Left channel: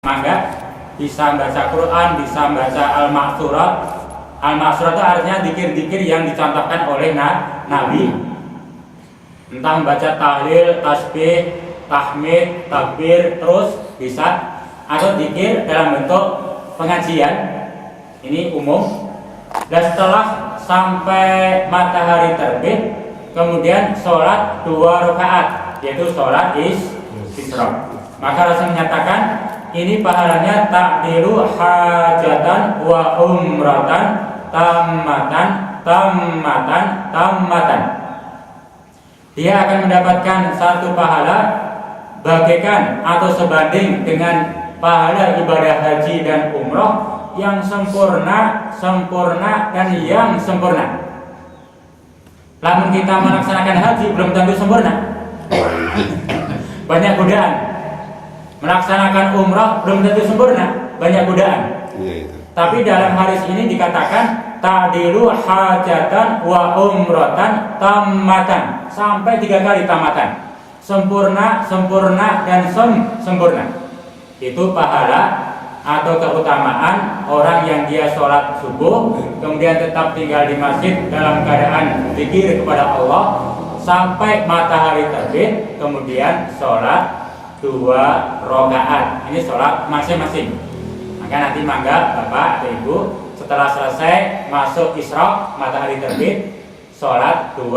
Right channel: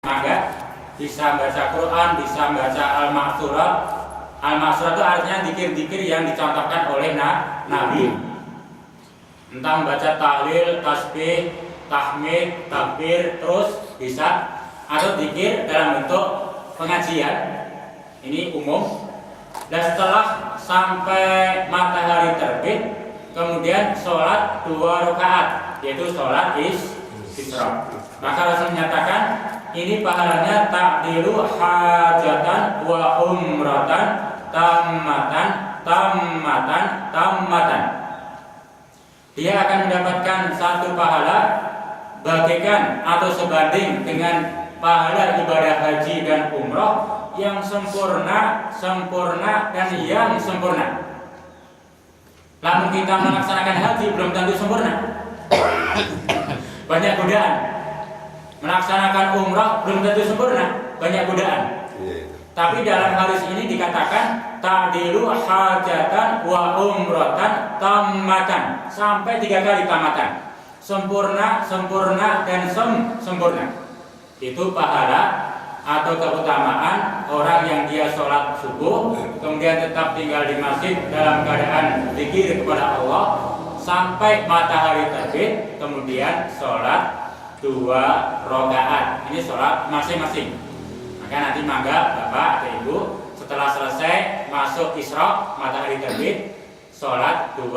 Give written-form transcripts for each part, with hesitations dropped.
mangga, bisa baca Quran, bisa baca Al-Ma'thurat. Al-Ma'thurat itu artinya zikir-zikir yang dicontohkan oleh Nabi. Entah membaca tahlil, tasbih, tahmid, takbir, terus bisa, atau zikir dalam bentuk pengajian. Ini umum. Dan setelah sampai matahari terbit, kemudian sholat 2 rakaat, yaitu sholat isyraq. Maka Rasul menyatakan ini pahalanya ta'dilu hajatan wa umratan tammatan. Dia akan mendapatkan satu pahala bagaikan atau sebanding dengan pahala ibadah haji dan umroh yang sempurna dan yang sempurna. Namun kita melaksanakan haji belum tentu sempurna. Banyak godaan. Melaksanakan umrah belum tentu sempurna, banyak godaan. Tapi dalam hadis ini dikatakan ta'dilu hajatan wa umratan tammatan, sampai 3 kali tamatan. Sempurna dan sempurna. Itu pahala atau keutamaan orang yang dia sholat subuh kemudian tetap tinggal di masjid dalam keadaan zikir kepada Allah sampai matahari terbit, kemudian sholat 2 rakaat. Ini sholat masing-masing. Maka nanti mangga bapak atau ibu setelah selesai masuk isyraq, matahari terbit, sholat 2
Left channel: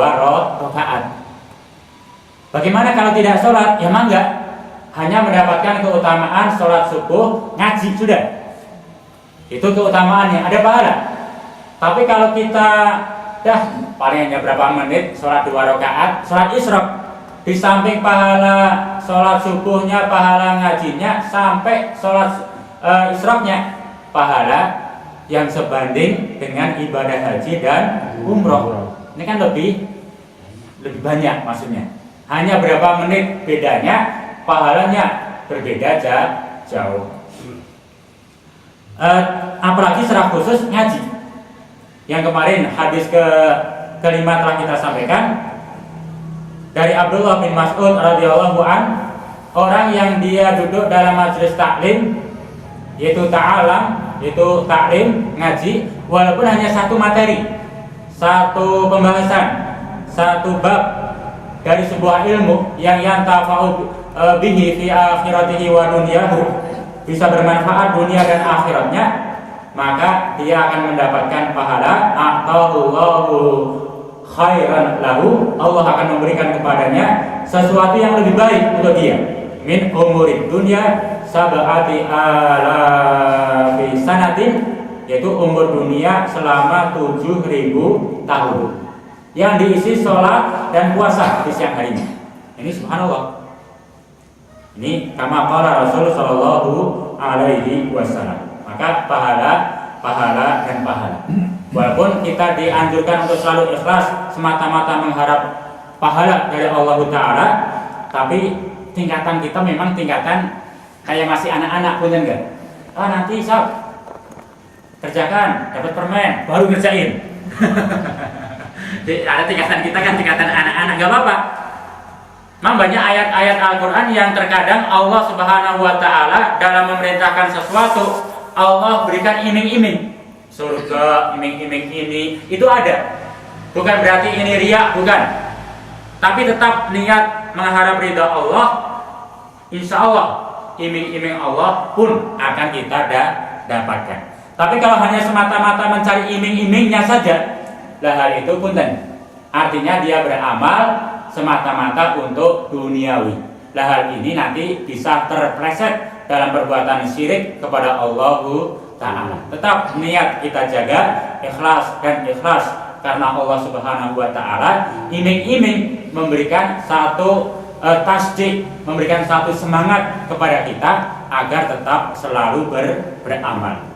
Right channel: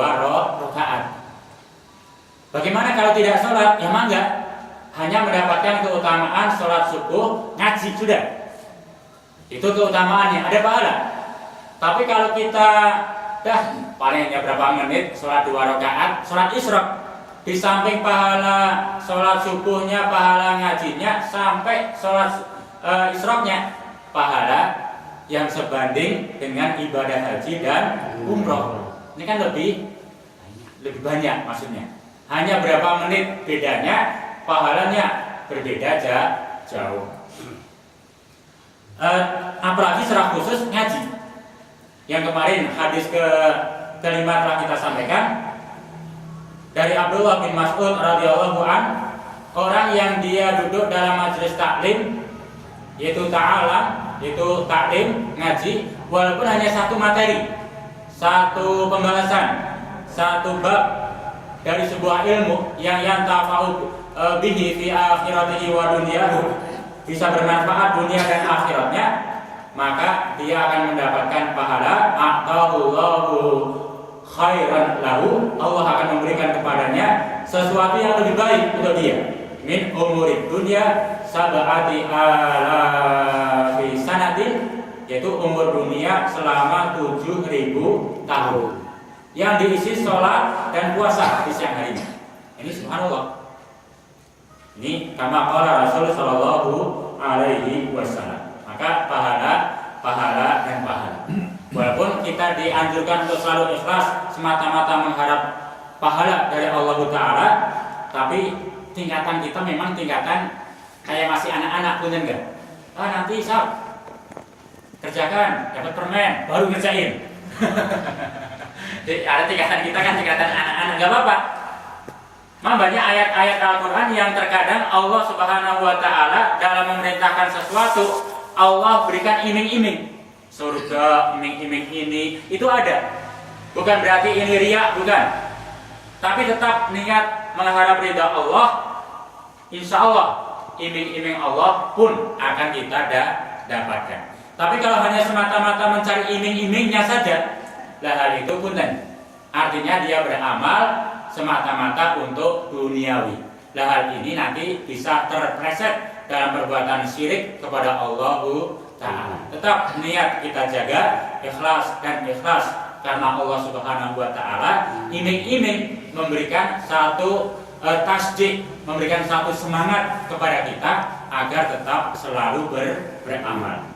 rakaat. Bagaimana kalau tidak sholat? Ya mangga, hanya mendapatkan keutamaan sholat subuh, ngaji sudah. Itu keutamaannya, ada pahala. Tapi kalau kita paling hanya berapa menit sholat 2 rakaat, sholat isyraq, di samping pahala sholat subuhnya, pahala ngajinya, sampai sholat isyraqnya, pahala yang sebanding dengan ibadah haji dan umroh. Ini kan lebih banyak maksudnya. Hanya berapa menit bedanya, pahalanya berbeda jauh. Apalagi secara khusus ngaji. Yang kemarin hadis kelima telah kita sampaikan dari Abdullah bin Mas'ud radhiyallahu an, orang yang dia duduk dalam majelis taklim, yaitu taklim ngaji, walaupun hanya satu materi, satu pembahasan, satu bab dari sebuah ilmu yang yantafa'u bihi fi akhiratihi wa dunyahu, bisa bermanfaat dunia dan akhiratnya, maka dia akan mendapatkan pahala atahullahu khairan lahu, Allah akan memberikan kepadanya sesuatu yang lebih baik untuk dia, min umurid dunya sab'ati alafi sanatin, yaitu umur dunia selama 7.000 tahun yang diisi sholat dan puasa di siang harinya. Ini subhanallah. Ini kama qala Rasul sallallahu alaihi wasallam. Maka pahala dan pahala. Walaupun kita dianjurkan untuk selalu ikhlas semata-mata mengharap pahala dari Allah Ta'ala, tapi tingkatan kita memang tingkatan kayak masih anak-anak, punten enggak? Nanti Sab kerjakan, dapat permen, baru ngerjain. Ada tingkatan kita kan tingkatan anak-anak, enggak apa-apa. Memang banyak ayat-ayat Al-Quran yang terkadang Allah Subhanahu wa Ta'ala dalam memerintahkan sesuatu, Allah berikan iming-iming. Surga, iming-iming ini, itu ada. Bukan berarti ini riya, bukan. Tapi tetap niat mengharap ridha Allah, insya Allah iming-iming Allah pun akan kita dapatkan. Tapi kalau hanya semata-mata mencari iming-imingnya saja, lah hal itu punten. Artinya dia beramal semata-mata untuk duniawi. Lah hal ini nanti bisa terpleset dalam perbuatan syirik kepada Allah Ta'ala. Tetap niat kita jaga, ikhlas karena Allah Subhanahu wa Ta'ala. Iming-iming memberikan satu tasdik, memberikan satu semangat kepada kita agar tetap selalu beramal.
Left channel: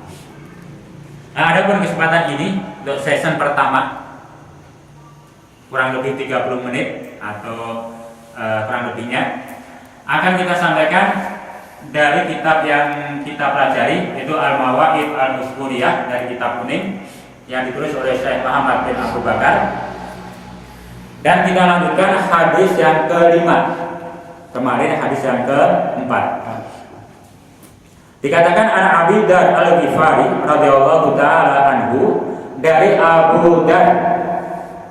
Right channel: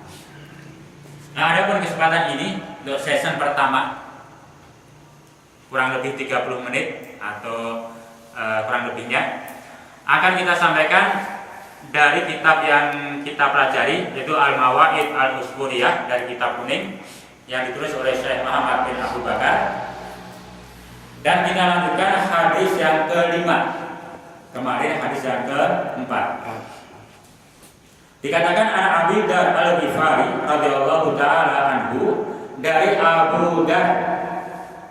Nah, adapun kesempatan ini untuk season pertama kurang lebih 30 menit atau kurang lebihnya akan kita sampaikan dari kitab yang kita pelajari, yaitu Al-Mawa'id Al-Usburiyah dari kitab kuning yang ditulis oleh Syekh Muhammad bin Abu Bakar. Dan kita lanjutkan hadis yang kelima. Kemarin hadis yang keempat. Dikatakan an Abi Dzar Al-Ghifari radhiyallahu taala anhu, dari Abu Dzar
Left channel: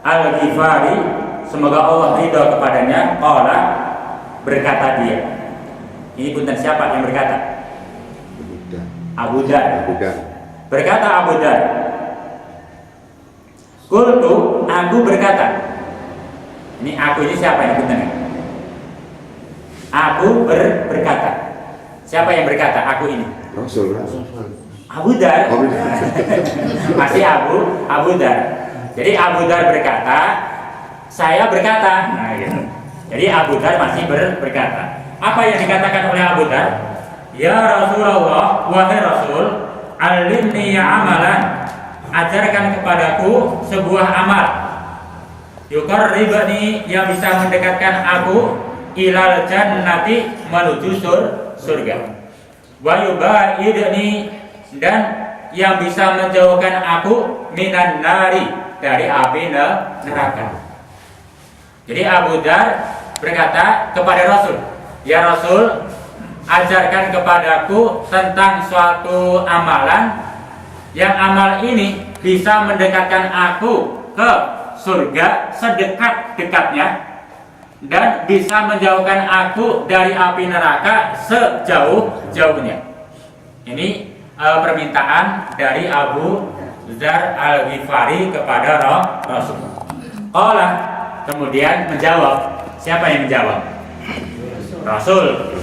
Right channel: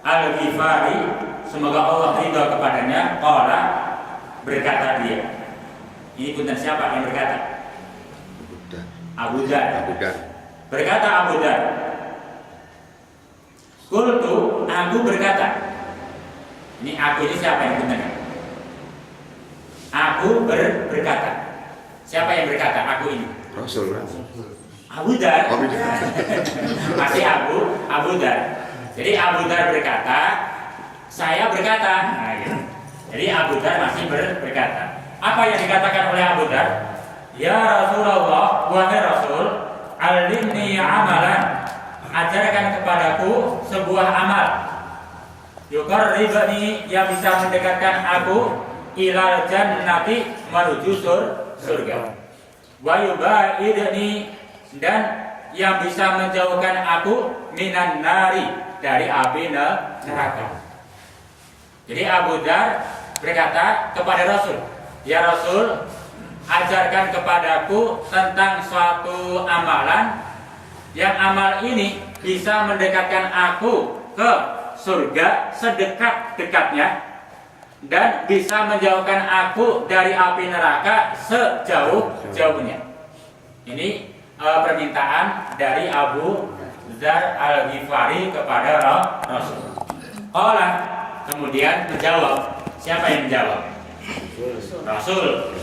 Al-Ghifari semoga Allah ridha kepadanya, qala, berkata dia. Ini punten siapa yang berkata? Abu Dzar. Berkata Abu Dzar, qultu, aku berkata. Ini aku ini siapa yang punten? Aku berkata. Siapa yang berkata? Aku ini. Rasul. Abu Dzar. Masih Abu Dzar. Jadi Abu Dzar berkata, saya berkata. Nah, gitu. Jadi Abu Dzar masih berkata. Apa yang dikatakan oleh Abu Dzar? Ya Rasulullah, wahai Rasul, alimni amalan, ajarkan kepadaku sebuah amal. Yuqarribani, yang bisa mendekatkan aku ilal jannati, menuju surga. Wa yubaidni, dan yang bisa menjauhkan aku minan nari, dari api neraka. Jadi Abu Dzar berkata kepada Rasul, ya Rasul, ajarkan kepadaku tentang suatu amalan yang amal ini bisa mendekatkan aku ke surga sedekat-dekatnya dan bisa menjauhkan aku dari api neraka sejauh-jauhnya. Ini permintaan dari Abu Dzar Al-Ghifari kepada Rasul. Allah kemudian menjawab. Siapa yang menjawab? Rasul.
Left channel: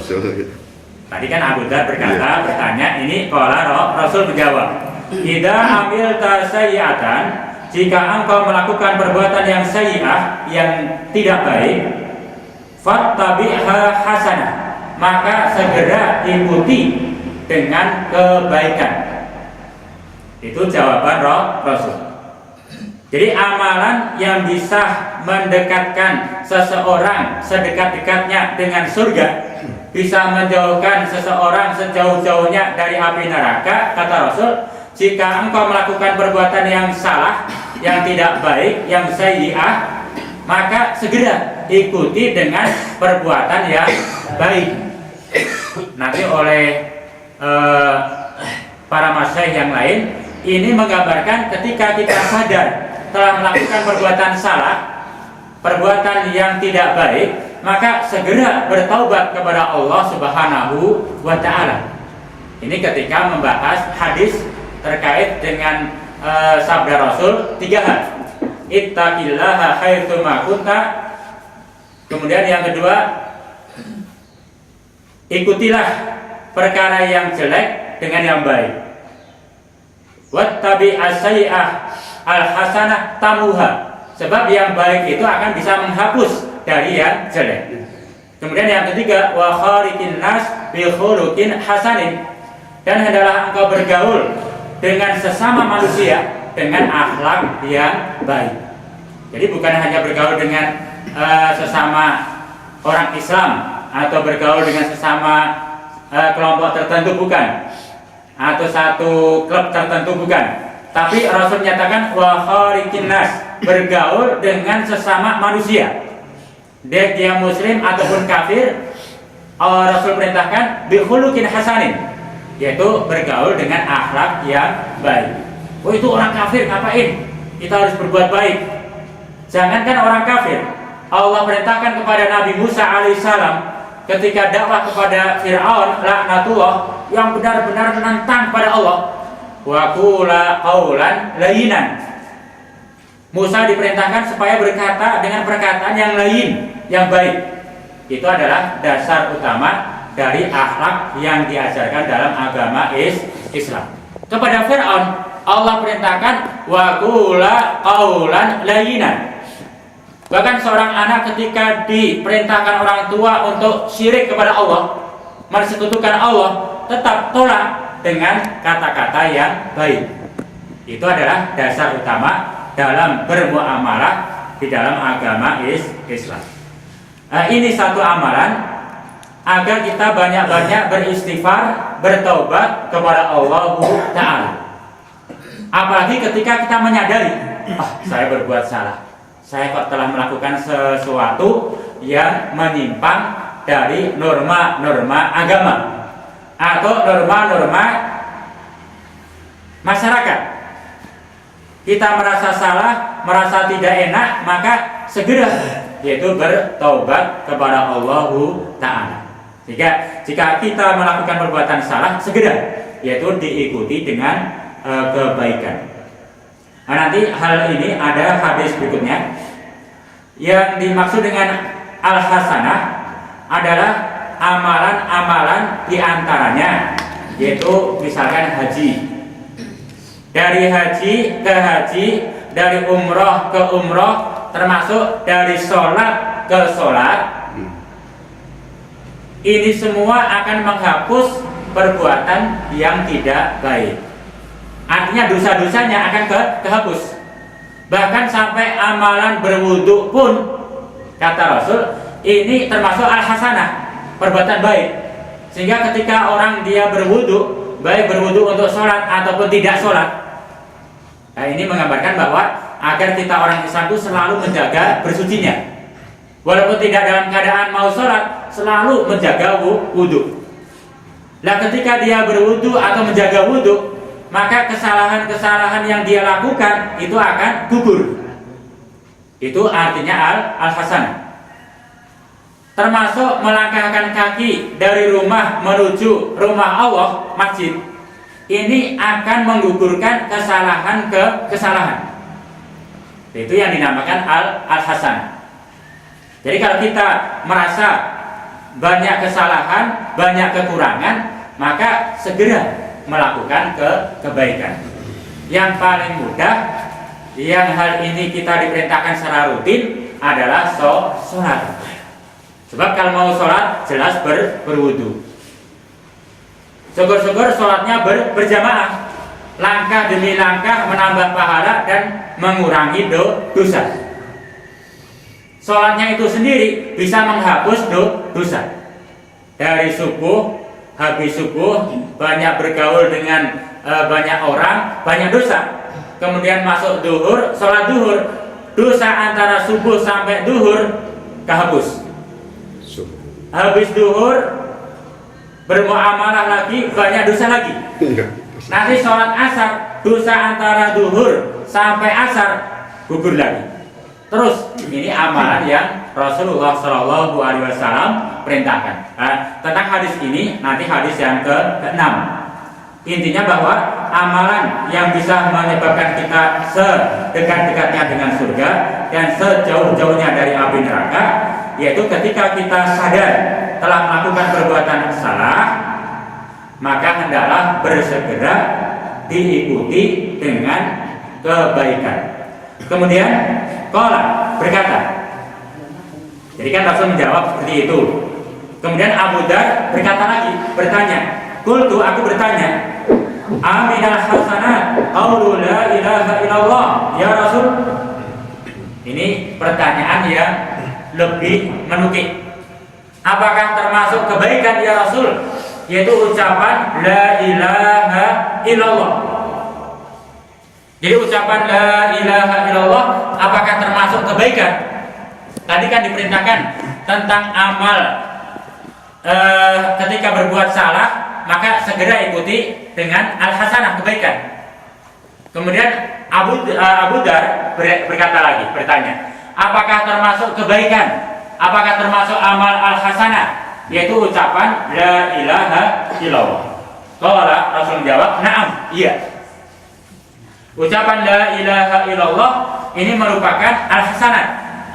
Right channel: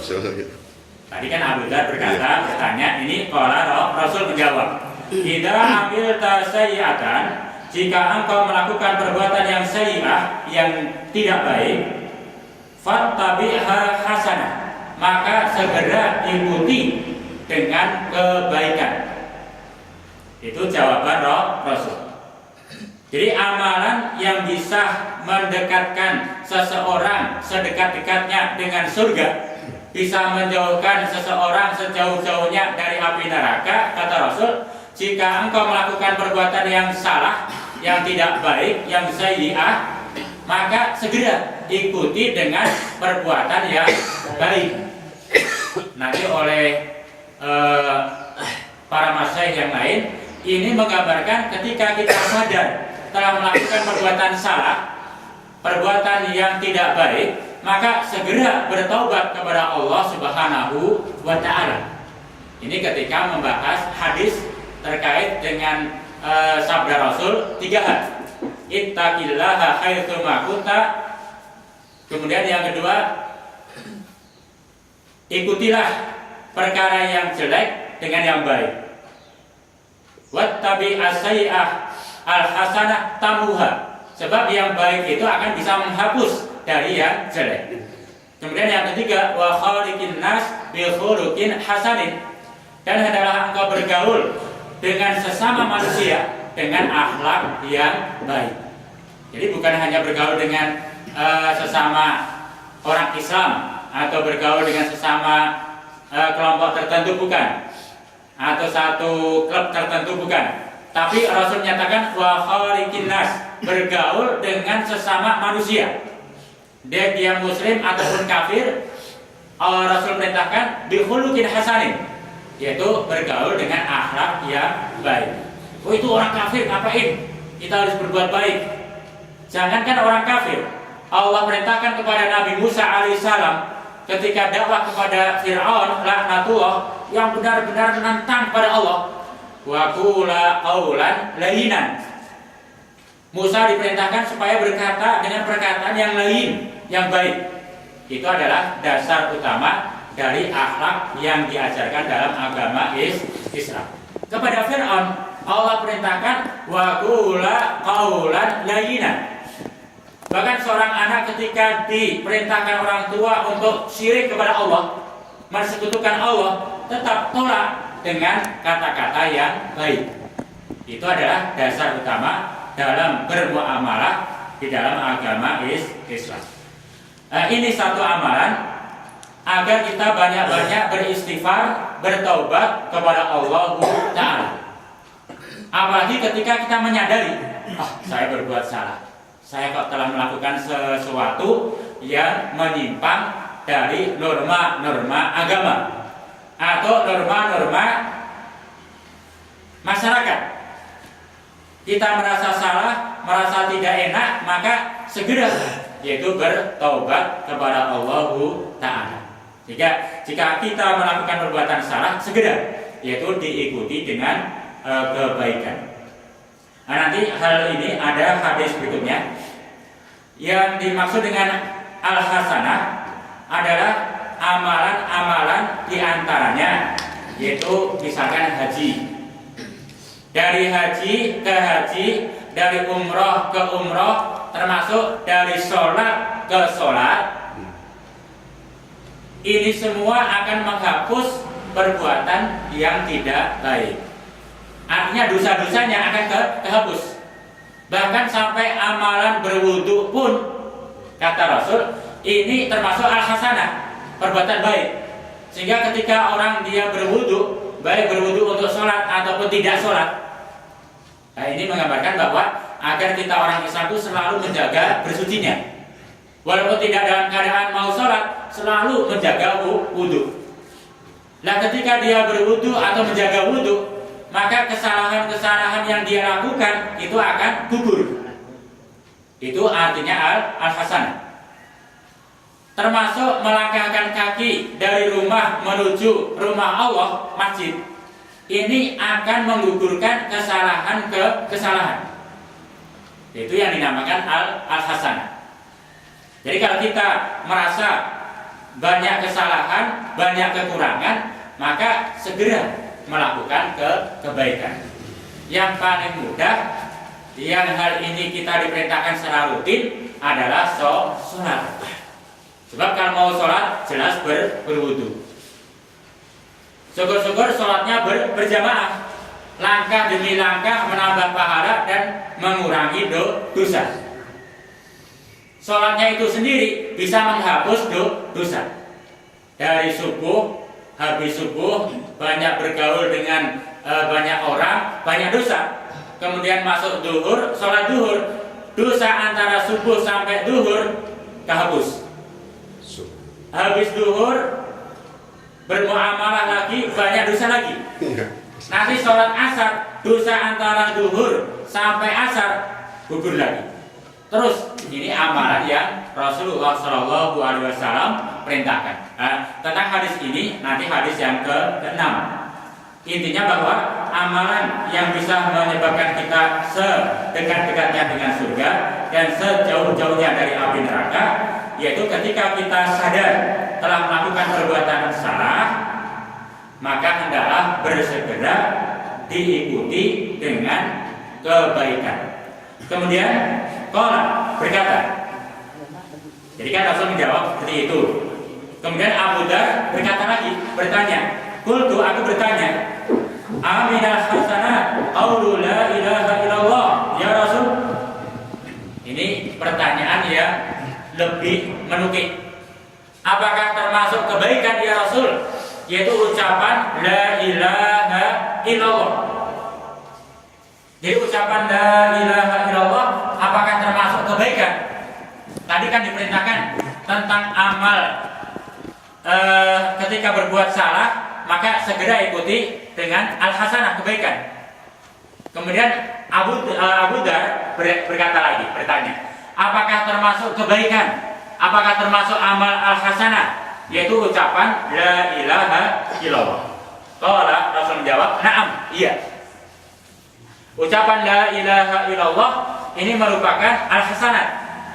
Tadi kan Abu Dzar berkata, bertanya, ini qala Rasul menjawab. Idza amilta sayyi'atan, jika engkau melakukan perbuatan yang sayyi'ah, yang tidak baik, fattabi'ha hasanah, maka segera ikuti dengan kebaikan. Itu jawaban Rasul. Jadi amalan yang bisa mendekatkan seseorang sedekat-dekatnya dengan surga, bisa menjauhkan seseorang sejauh-jauhnya dari api neraka, kata Rasul, jika engkau melakukan perbuatan yang salah, yang tidak baik, yang sayyi'ah, maka segera ikuti dengan perbuatan yang baik. Nanti oleh para masyayikh yang lain, ini menggambarkan ketika kita sadar telah melakukan perbuatan salah, perbuatan yang tidak baik, maka segera bertaubat kepada Allah Subhanahu wa ta'ala. Ini ketika membahas hadis terkait dengan sabda Rasul 3 hal. Ittaqillaha haitsu ma kunta. Kemudian yang kedua, ikutilah perkara yang jelek dengan yang baik. Wattabi as-sayyi'ah al-hasanah tamuha. Sebab yang baik itu akan bisa menghapus dari yang jelek. Kemudian yang ketiga, wa khaliqin nas bi khuluqin hasanin. Dan hendaklah engkau bergaul dengan sesama manusia dengan akhlak yang baik. Jadi bukan hanya bergaul dengan sesama orang Islam atau bergaul dengan sesama kelompok tertentu, bukan, atau satu klub tertentu, bukan. Tapi Rasul menyatakan wa khaliqin nas, bergaul dengan sesama manusia, baik dia muslim ataupun kafir. Rasul perintahkan bi khuluqin hasanin, yaitu bergaul dengan akhlak yang baik. Oh, itu orang kafir, ngapain kita harus berbuat baik? Jangankan orang kafir, Allah perintahkan kepada Nabi Musa alaihissalam ketika dakwah kepada Fir'aun laknatullah, yang benar-benar menantang pada Allah, wa qula qaulan layyinan. Musa diperintahkan supaya berkata dengan perkataan yang lain, yang baik. Itu adalah dasar utama dari akhlak yang diajarkan dalam agama Islam. Kepada Fir'aun Allah perintahkan wa qula qaulan layyinan. Bahkan seorang anak ketika diperintahkan orang tua untuk syirik kepada Allah, mensekutukan Allah, tetap tolak dengan kata-kata yang baik. Itu adalah dasar utama dalam bermuamalah di dalam agama Islam. Ini satu amalan agar kita banyak-banyak beristighfar, bertaubat kepada Allah Ta'ala. Apalagi ketika kita menyadari, saya berbuat salah, saya kok telah melakukan sesuatu yang menyimpang dari norma-norma agama. atau norma-norma masyarakat. Kita merasa salah, merasa tidak enak, maka segera yaitu bertaubat kepada Allah Ta'ala. Jika kita melakukan perbuatan salah, segera yaitu diikuti dengan kebaikan. Nah, nanti hal ini ada hadis berikutnya. Yang dimaksud dengan al-hasanah adalah amalan-amalan diantaranya, yaitu misalkan haji. Dari haji ke haji, dari umroh ke umroh, termasuk dari sholat ke sholat. Ini semua akan menghapus perbuatan yang tidak baik. Artinya dosa-dosanya akan kehapus. Bahkan sampai amalan berwudu pun, kata Rasul, ini termasuk al-hasanah, perbuatan baik. Sehingga ketika orang dia berwudu, baik berwudu untuk sholat ataupun tidak sholat, nah ini menggambarkan bahwa agar kita orang Islam itu selalu menjaga bersucinya. Walaupun tidak dalam keadaan mau sholat, selalu menjaga wudu. Nah ketika dia berwudu atau menjaga wudu, maka kesalahan-kesalahan yang dia lakukan itu akan gugur. Itu artinya al-hasanah. Termasuk melangkahkan kaki dari rumah menuju rumah Allah, masjid. Ini akan menggugurkan kesalahan ke kesalahan. Itu yang dinamakan al-hasanah. Jadi kalau kita merasa banyak kesalahan, banyak kekurangan, maka segera melakukan kebaikan. Yang paling mudah, yang hal ini kita diperintahkan secara rutin adalah sholat. Sebab kalau mau sholat jelas berwudu. Syukur-syukur sholatnya berjamaah, langkah demi langkah menambah pahala dan mengurangi dosa. Sholatnya itu sendiri bisa menghapus dosa. Dari subuh, habis subuh banyak bergaul dengan banyak orang, banyak dosa. Kemudian masuk duhur, sholat duhur, dosa antara subuh sampai duhur kehapus. Habis duhur bermuamalah lagi, banyak dosa lagi. Nanti sholat asar, dosa antara duhur sampai asar gugur lagi. Terus ini amalan yang Rasulullah SAW perintahkan. Tentang hadis ini nanti hadis yang ke-6. Intinya bahwa amalan yang bisa menyebabkan kita sedekat-dekatnya dengan surga dan sejauh-jauhnya dari api neraka, yaitu ketika kita sadar telah melakukan perbuatan salah, maka hendaklah bersegera diikuti dengan kebaikan. Kemudian qala berkata, jadi kan Rasul menjawab seperti itu. Kemudian Abu Dar berkata lagi, bertanya, qultu, aku bertanya, aminal hasanat qaulu la ilaha illallah ya Rasul. Ini pertanyaan yang lebih menukik. Apakah termasuk kebaikan ya Rasul, yaitu ucapan la ilaha illallah? Jadi ucapan la ilaha illallah apakah termasuk kebaikan? Tadi kan diperintahkan tentang amal ketika berbuat salah maka segera ikuti dengan al-hasanah, kebaikan. Kemudian Abu Dar berkata lagi, bertanya, apakah termasuk kebaikan? Apakah termasuk amal al-hasanah, yaitu ucapan la ilaha illallah? Qala, Rasul menjawab, na'am, iya. Ucapan la ilaha illallah ini merupakan al-hasanah,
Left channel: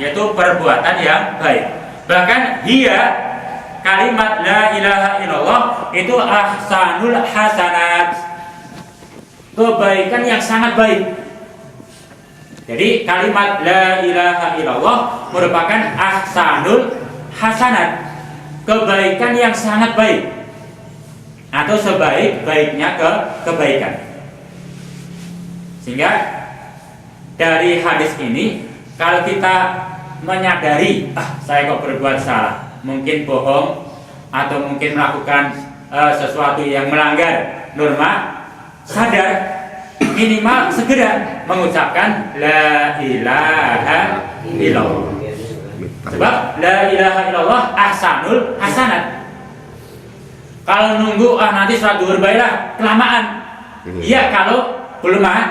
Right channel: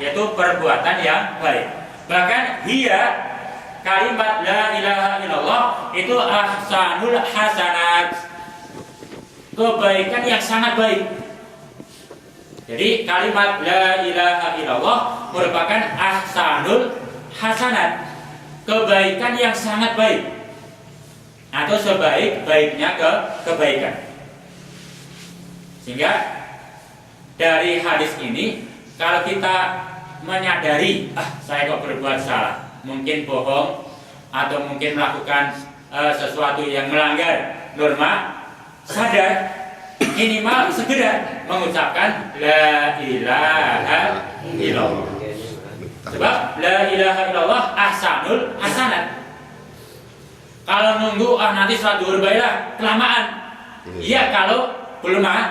yaitu perbuatan yang baik. Bahkan dia kalimat la ilaha illallah itu ahsanul hasanat, kebaikan yang sangat baik. Jadi kalimat la ilaha illallah merupakan ahsanul hasanat, kebaikan yang sangat baik, atau sebaik-baiknya kebaikan. Sehingga dari hadis ini, kalau kita menyadari, saya kok berbuat salah, mungkin bohong atau mungkin melakukan sesuatu yang melanggar norma, sadar, minimal segera mengucapkan la ilaha illallah. Sebab la ilaha illallah ahsanul hasanat, Kalau nunggu nanti sholat duhur baiklah kelamaan. Iya kalau belum mati.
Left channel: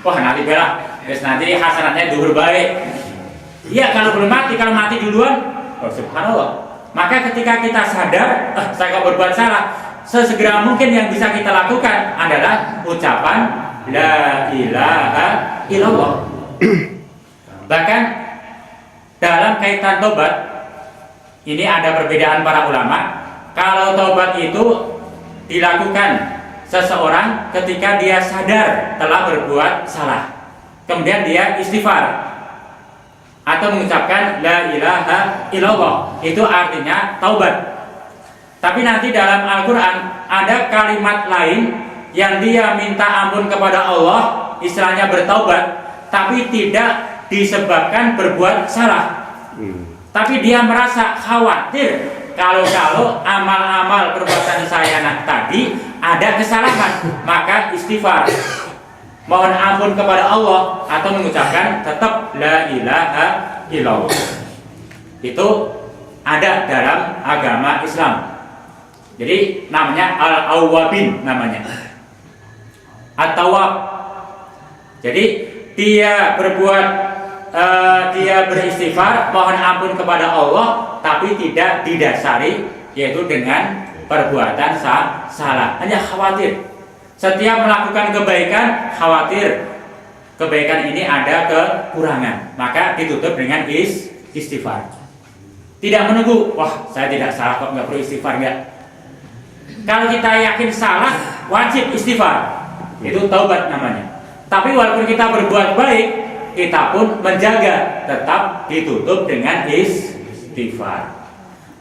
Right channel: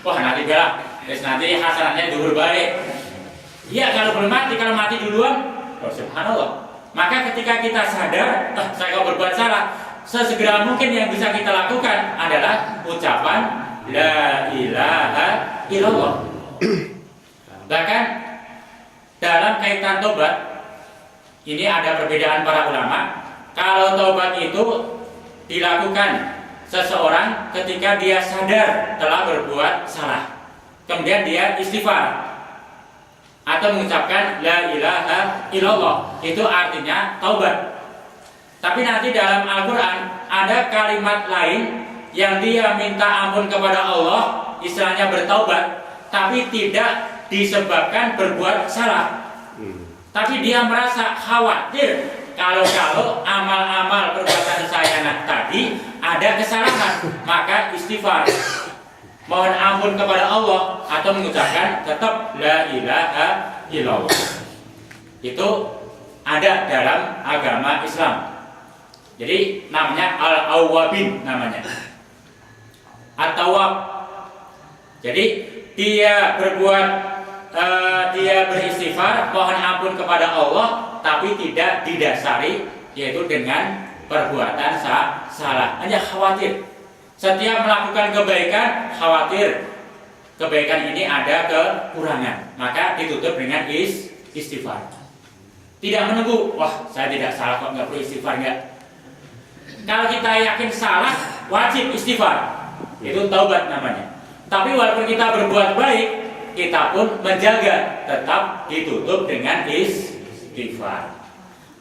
Wah nanti baiklah. Terus nanti hasanatnya duhur baik. Iya kalau belum mati, kalau mati duluan, oh subhanallah. Maka ketika kita sadar, saya kok berbuat salah, sesegera mungkin yang bisa kita lakukan adalah ucapan la ilaha illallah. Bahkan dalam kaitan tobat, ini ada perbedaan para ulama. Kalau tobat itu dilakukan seseorang ketika dia sadar telah berbuat salah, kemudian dia istighfar atau mengucapkan la ilaha illallah, itu artinya taubat. Tapi nanti dalam Al-Quran ada kalimat lain yang dia minta ampun kepada Allah, istilahnya bertaubat, tapi tidak disebabkan berbuat salah. Tapi dia merasa khawatir kalau amal-amal perbuatan saya tadi ada kesalahan, maka istighfar, mohon ampun kepada Allah atau mengucapkan tetap la ilaha illallah. Itu ada dalam agama Islam. Jadi namanya al-awwabin namanya. At-tawwab. Jadi dia beristighfar, mohon ampun kepada Allah, tapi tidak didasari yaitu dengan perbuatan salah. Hanya khawatir. Setiap melakukan kebaikan, khawatir kebaikan ini ada kekurangan, maka ditutup dengan istighfar. Tidak menunggu, wah saya tidak salah kok, nggak perlu istighfar nggak. Kalau kita yakin salah, wajib istighfar. Itu taubat namanya. Tapi walaupun kita berbuat baik, kita pun menjaga, tetap ditutup dengan istighfar.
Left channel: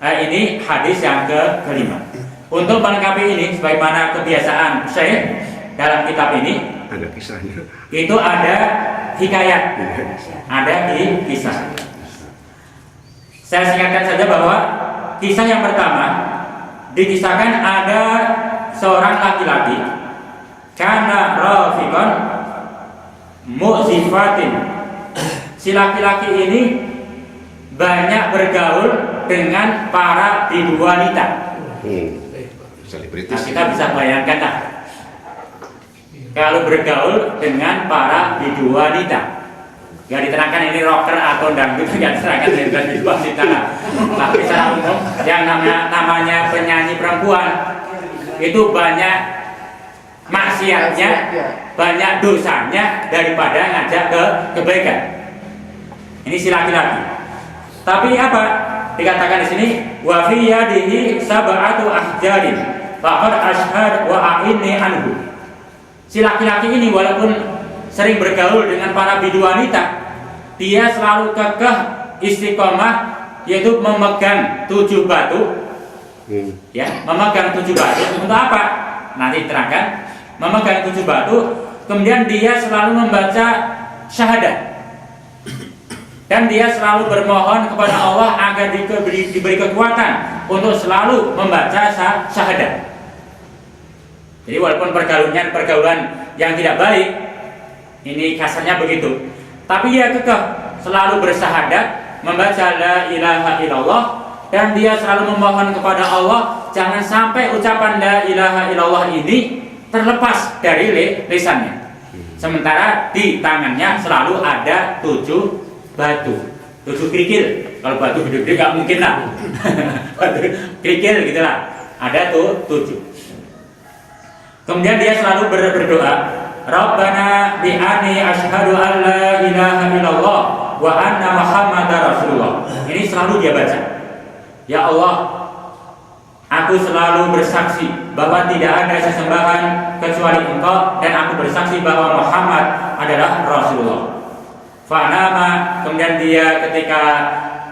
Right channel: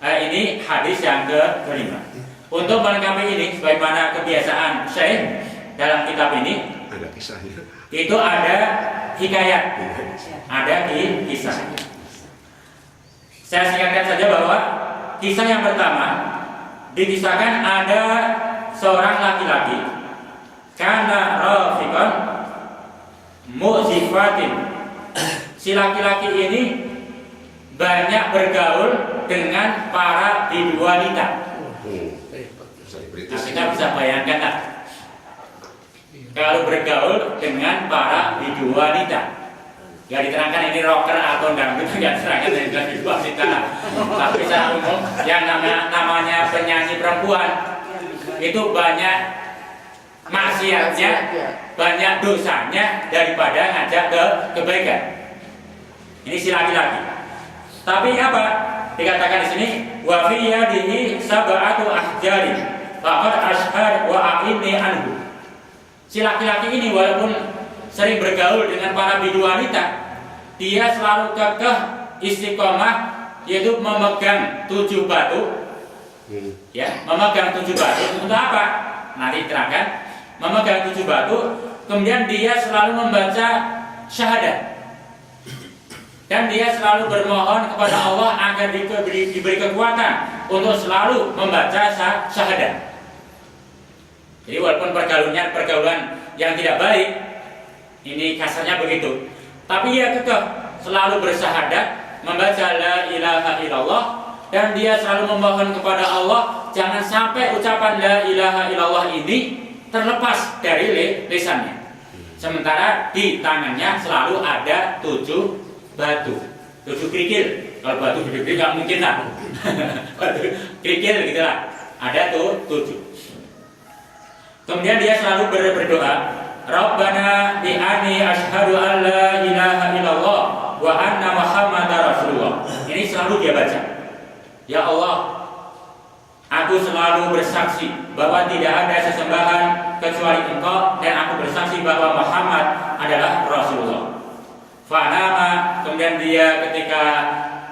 Ini hadis yang kelima. Untuk melengkapi ini, sebagaimana kebiasaan Syekh dalam kitab ini, ada kisahnya. Itu ada hikayat, ada kisah. Saya singkatkan saja bahwa kisah yang pertama dikisahkan ada seorang laki-laki, kana rafiqan mu'zifatin. Si laki-laki ini banyak bergaul dengan para bidu wanita. Nah, kita bisa bayangkan lah, kalau bergaul dengan para bidu wanita. Ya diterangkan ini rocker atau dangdut, nggak diterangkan dengan bidu wanita lah. Tapi secara umum yang namanya penyanyi perempuan itu banyak maksiatnya, banyak dosanya daripada ngajak ke kebaikan. Ini si laki-laki. Tapi apa dikatakan di sini? Wa fi yadihi sab'atu ahjarin faqad ashhad wa a'inni anhu. Si laki-laki ini walaupun sering bergaul dengan para bidu wanita, dia selalu kekeh istiqomah, yaitu memegang 7 batu. Ya, memegang 7 batu untuk apa? Nanti terangkan. Memegang 7 batu, kemudian dia selalu membaca syahadat. Dan dia selalu bermohon kepada Allah agar diberi kekuatan untuk selalu membaca syahadat. Jadi walaupun pergaulan yang tidak baik, ini kasarnya begitu, tapi dia kekeh selalu bersyahadat, membaca la ilaha illallah, dan dia selalu memohon kepada Allah jangan sampai ucapan la ilaha illallah ini terlepas dari lisannya. Sementara di tangannya selalu ada 7 batu, 7 kerikil. Kalau batu gede-gede nggak mungkin lah. Batu kerikil gitulah. Ada tuh 7. Kemudian dia selalu berdoa, Rabbana bi'ani asyhadu an la ilaha illallah wa anna Muhammadar Rasulullah. Ini selalu dia baca. Ya Allah, aku selalu bersaksi bahwa tidak ada sesembahan kecuali Engkau, dan aku bersaksi bahwa Muhammad adalah Rasulullah. Fa'nama, kemudian dia ketika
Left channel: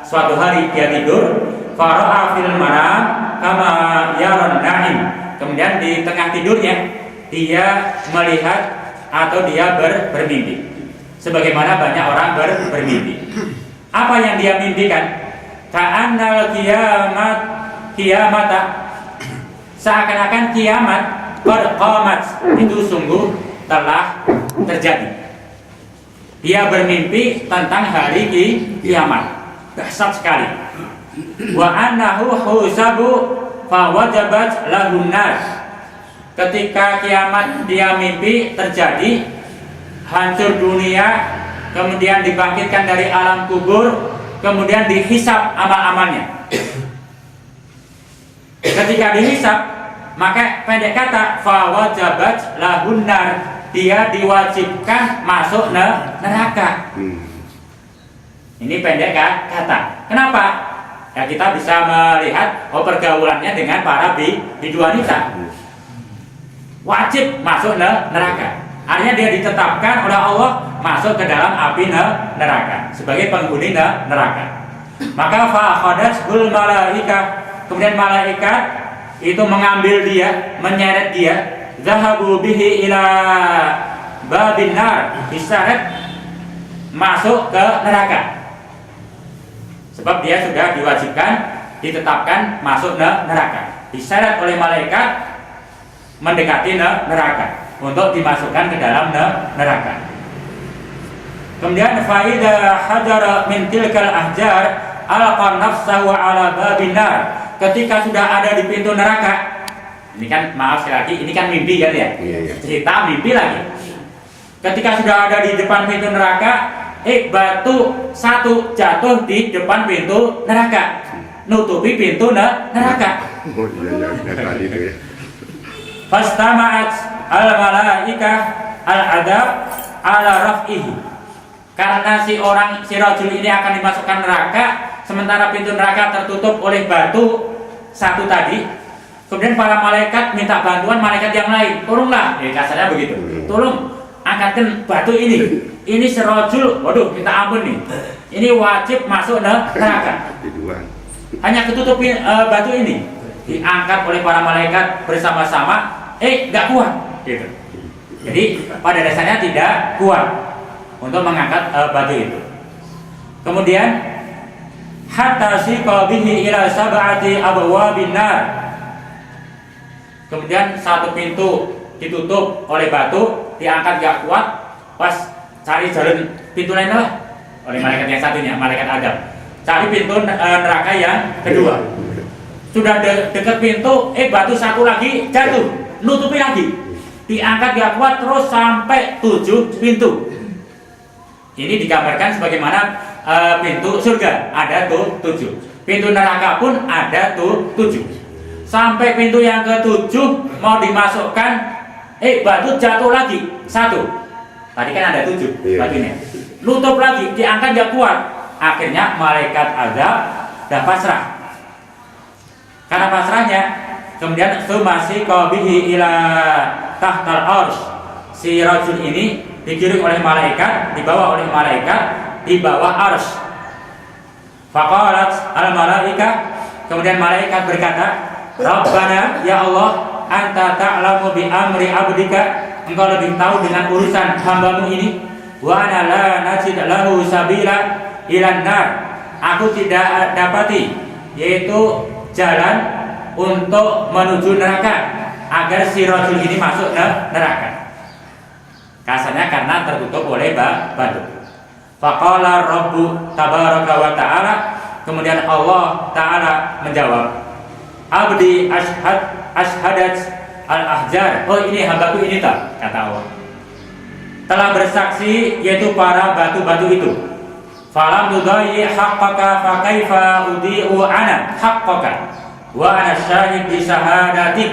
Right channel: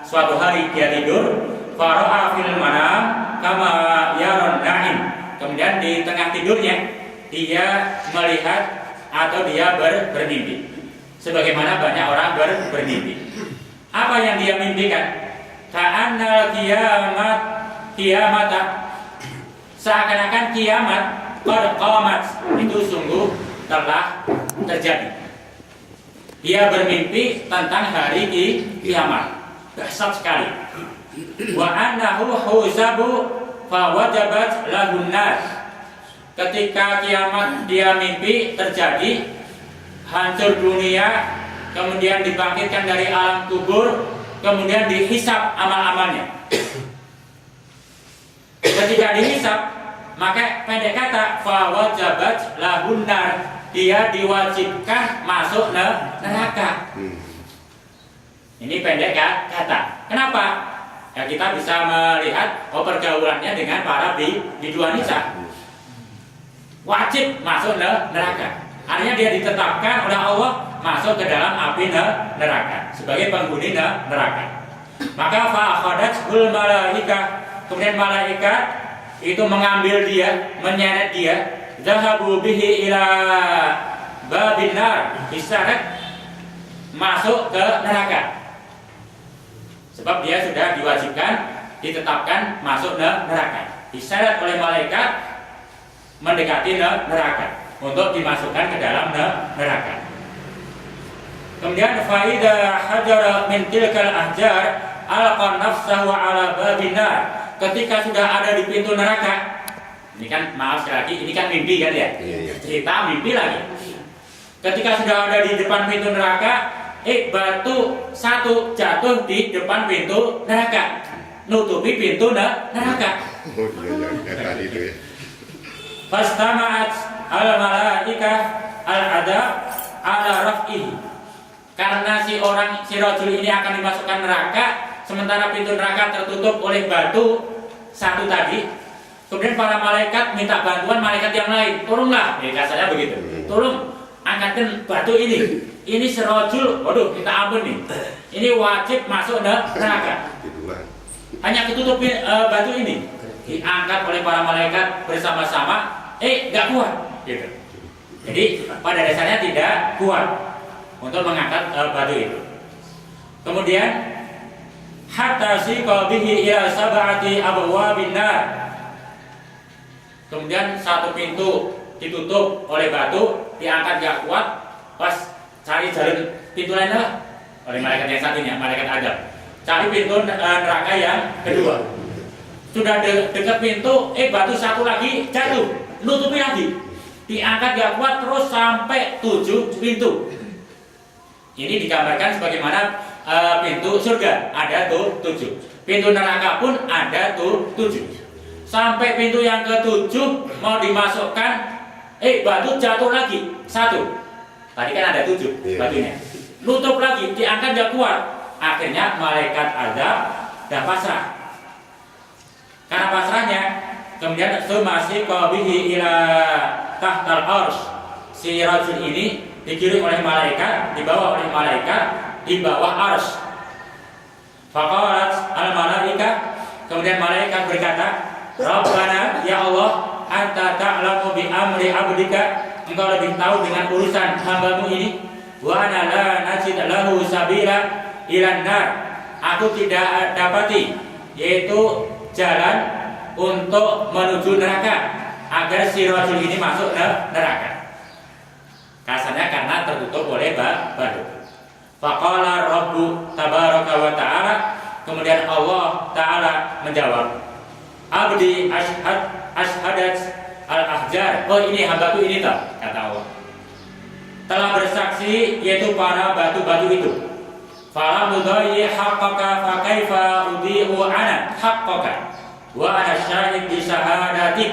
suatu hari dia tidur, fara'a fil manam kama yaron na'im. Kemudian di tengah tidurnya dia melihat atau dia bermimpi, sebagaimana banyak orang bermimpi. Apa yang dia mimpikan? Ka'annal kiamata, seakan-akan kiamat qad qamat, itu sungguh telah terjadi. Dia bermimpi tentang hari kiamat. Dahsyat sekali. wa annahu husabu fa wajabat lahun nar. Ketika kiamat dia mimpi terjadi, hancur dunia, kemudian dibangkitkan dari alam kubur, kemudian dihisab amal-amalnya. Ketika dihisab, maka pendek kata fa wajabat lahun nar, dia diwajibkan masuk neraka. Ini pendek kata. Kenapa? Ya kita bisa melihat pergaulannya dengan para bidu wanita. Wajib masuk neraka. Artinya dia ditetapkan oleh Allah masuk ke dalam api neraka sebagai penghuni neraka. Maka fa akhadatul malaikah, kemudian malaikat itu mengambil dia, menyeret dia, zahabu bihi ila babin nar, diseret masuk ke neraka. Sebab dia sudah diwajibkan, ditetapkan masuk neraka. Diseret oleh malaikat mendekati neraka untuk dimasukkan ke dalam neraka. Kemudian faida hajara min tilkal ahjar alqa nafsahu ala babin nar. Ketika sudah ada di pintu neraka, ini kan maaf sekali lagi, ini kan mimpi kan ya? Iya. Cerita mimpi lagi. Ketika sudah ada di depan pintu neraka, batu satu jatuh di depan pintu neraka, nutupi pintu neraka. Oh iya tadi itu ya. Fastama'at al-malaikah al-adab ala raf'ihi. Karena si rajul ini akan dimasukkan neraka, sementara pintu neraka tertutup oleh batu satu tadi. Kemudian para malaikat minta bantuan malaikat yang lain, tolonglah, kasarnya begitu. Tolong angkatkan batu ini. Ini si rajul, waduh minta ampun nih. Ini wajib masuk neraka. Hanya ketutupin batu ini. Diangkat oleh para malaikat bersama-sama, nggak kuat gitu. Jadi pada dasarnya tidak kuat untuk mengangkat batu itu. Kemudian hatta siqabihi ila sab'ati abwabin nar. Kemudian satu pintu ditutup oleh batu, diangkat nggak kuat, pas cari jalan pintu lain lah oleh malaikat yang satunya, malaikat Adam. Cari pintu neraka yang kedua. Sudah dekat pintu, batu satu lagi jatuh, nutupi lagi, diangkat gak kuat terus sampai 7 pintu. Ini digambarkan sebagaimana pintu surga ada tuh 7, pintu neraka pun ada tuh 7. Sampai pintu yang ke-7 mau dimasukkan, batu jatuh lagi satu. Tadi kan ada 7 batunya, nutup lagi, diangkat gak kuat. Akhirnya malaikat azab dah pasrah. Karena pasrahnya, kemudian sumasi qabihi ila tahtal arsy. Si rajul ini digiring oleh malaikat, dibawa oleh malaikat di bawah arsy. Faqalat al malaikah, kemudian malaikat berkata, Rabbana ya Allah, anta ta'lamu bi amri abdika, engkau lebih tahu dengan urusan hambamu ini. Wa ana la najid lahu sabila ilan nar. Aku tidak dapati yaitu jalan untuk menuju neraka agar si rajul ini masuk neraka. Kasarnya karena tertutup oleh batu. Faqala Rabbu tabaraka wa ta'ala, kemudian Allah Ta'ala menjawab, Abdi ashhadat al-ahjar. Oh ini hambaku ini tak, kata Allah, telah bersaksi yaitu para batu-batu itu. Falam tudayyi haqqaka fa kaifa udhi'u ana haqqaka wa ana syahid bi syahadatik.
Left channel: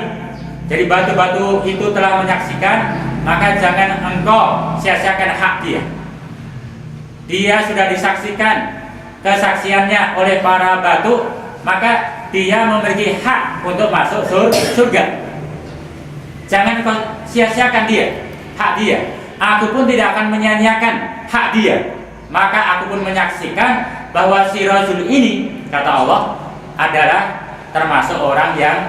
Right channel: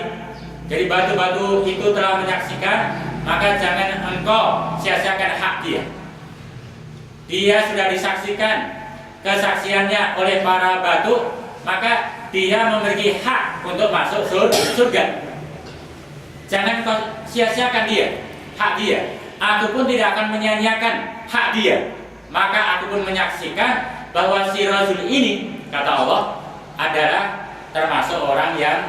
Jadi batu-batu itu telah menyaksikan, maka jangan engkau sia-siakan hak dia. Dia sudah disaksikan kesaksiannya oleh para batu, maka dia memiliki hak untuk masuk surga. Jangan kau sia-siakan dia, hak dia. Aku pun tidak akan menyia-nyiakan hak dia. Maka aku pun menyaksikan bahwa si rajul ini, kata Allah, adalah termasuk orang yang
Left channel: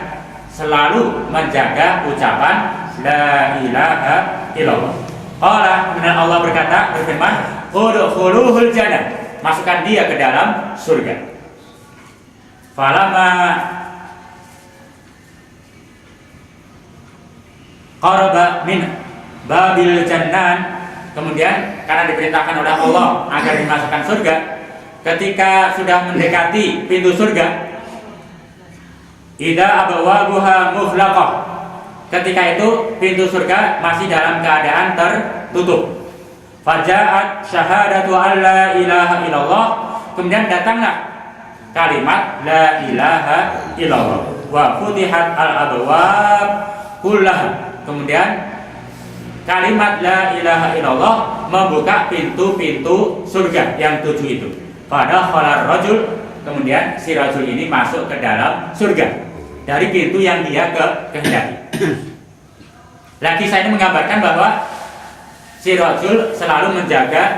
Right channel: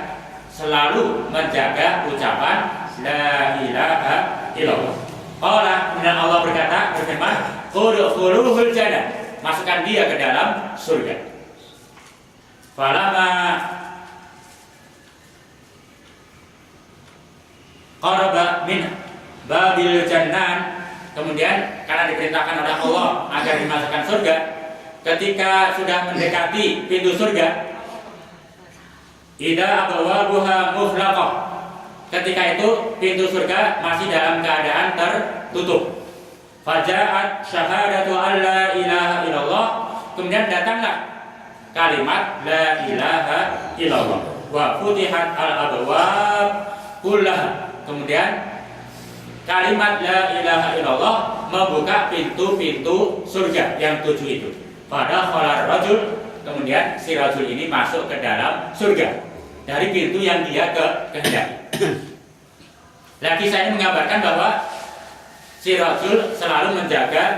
selalu menjaga ucapan la ilaha illallah. Kemudian Allah berfirman, udkhuluhul jannah, masukkan dia ke dalam surga. Falamma qaraba min babil jannan, kemudian karena diperintahkan oleh Allah agar dimasukkan surga, ketika sudah mendekati pintu surga, idza abwabuha mughlaqah, ketika itu pintu surga masih dalam keadaan tertutup. Faja'at syahadatu alla ilaha illallah, kemudian datanglah kalimat la ilaha illallah wa futihat al abwab kullaha, kemudian kalimat la ilaha illallah membuka pintu-pintu surga yang 7 itu. Pada khalar rajul, kemudian si rajul ini masuk ke dalam surga dari pintu yang dia kehendaki. Lagi saya ini menggambarkan bahwa si rajul selalu menjaga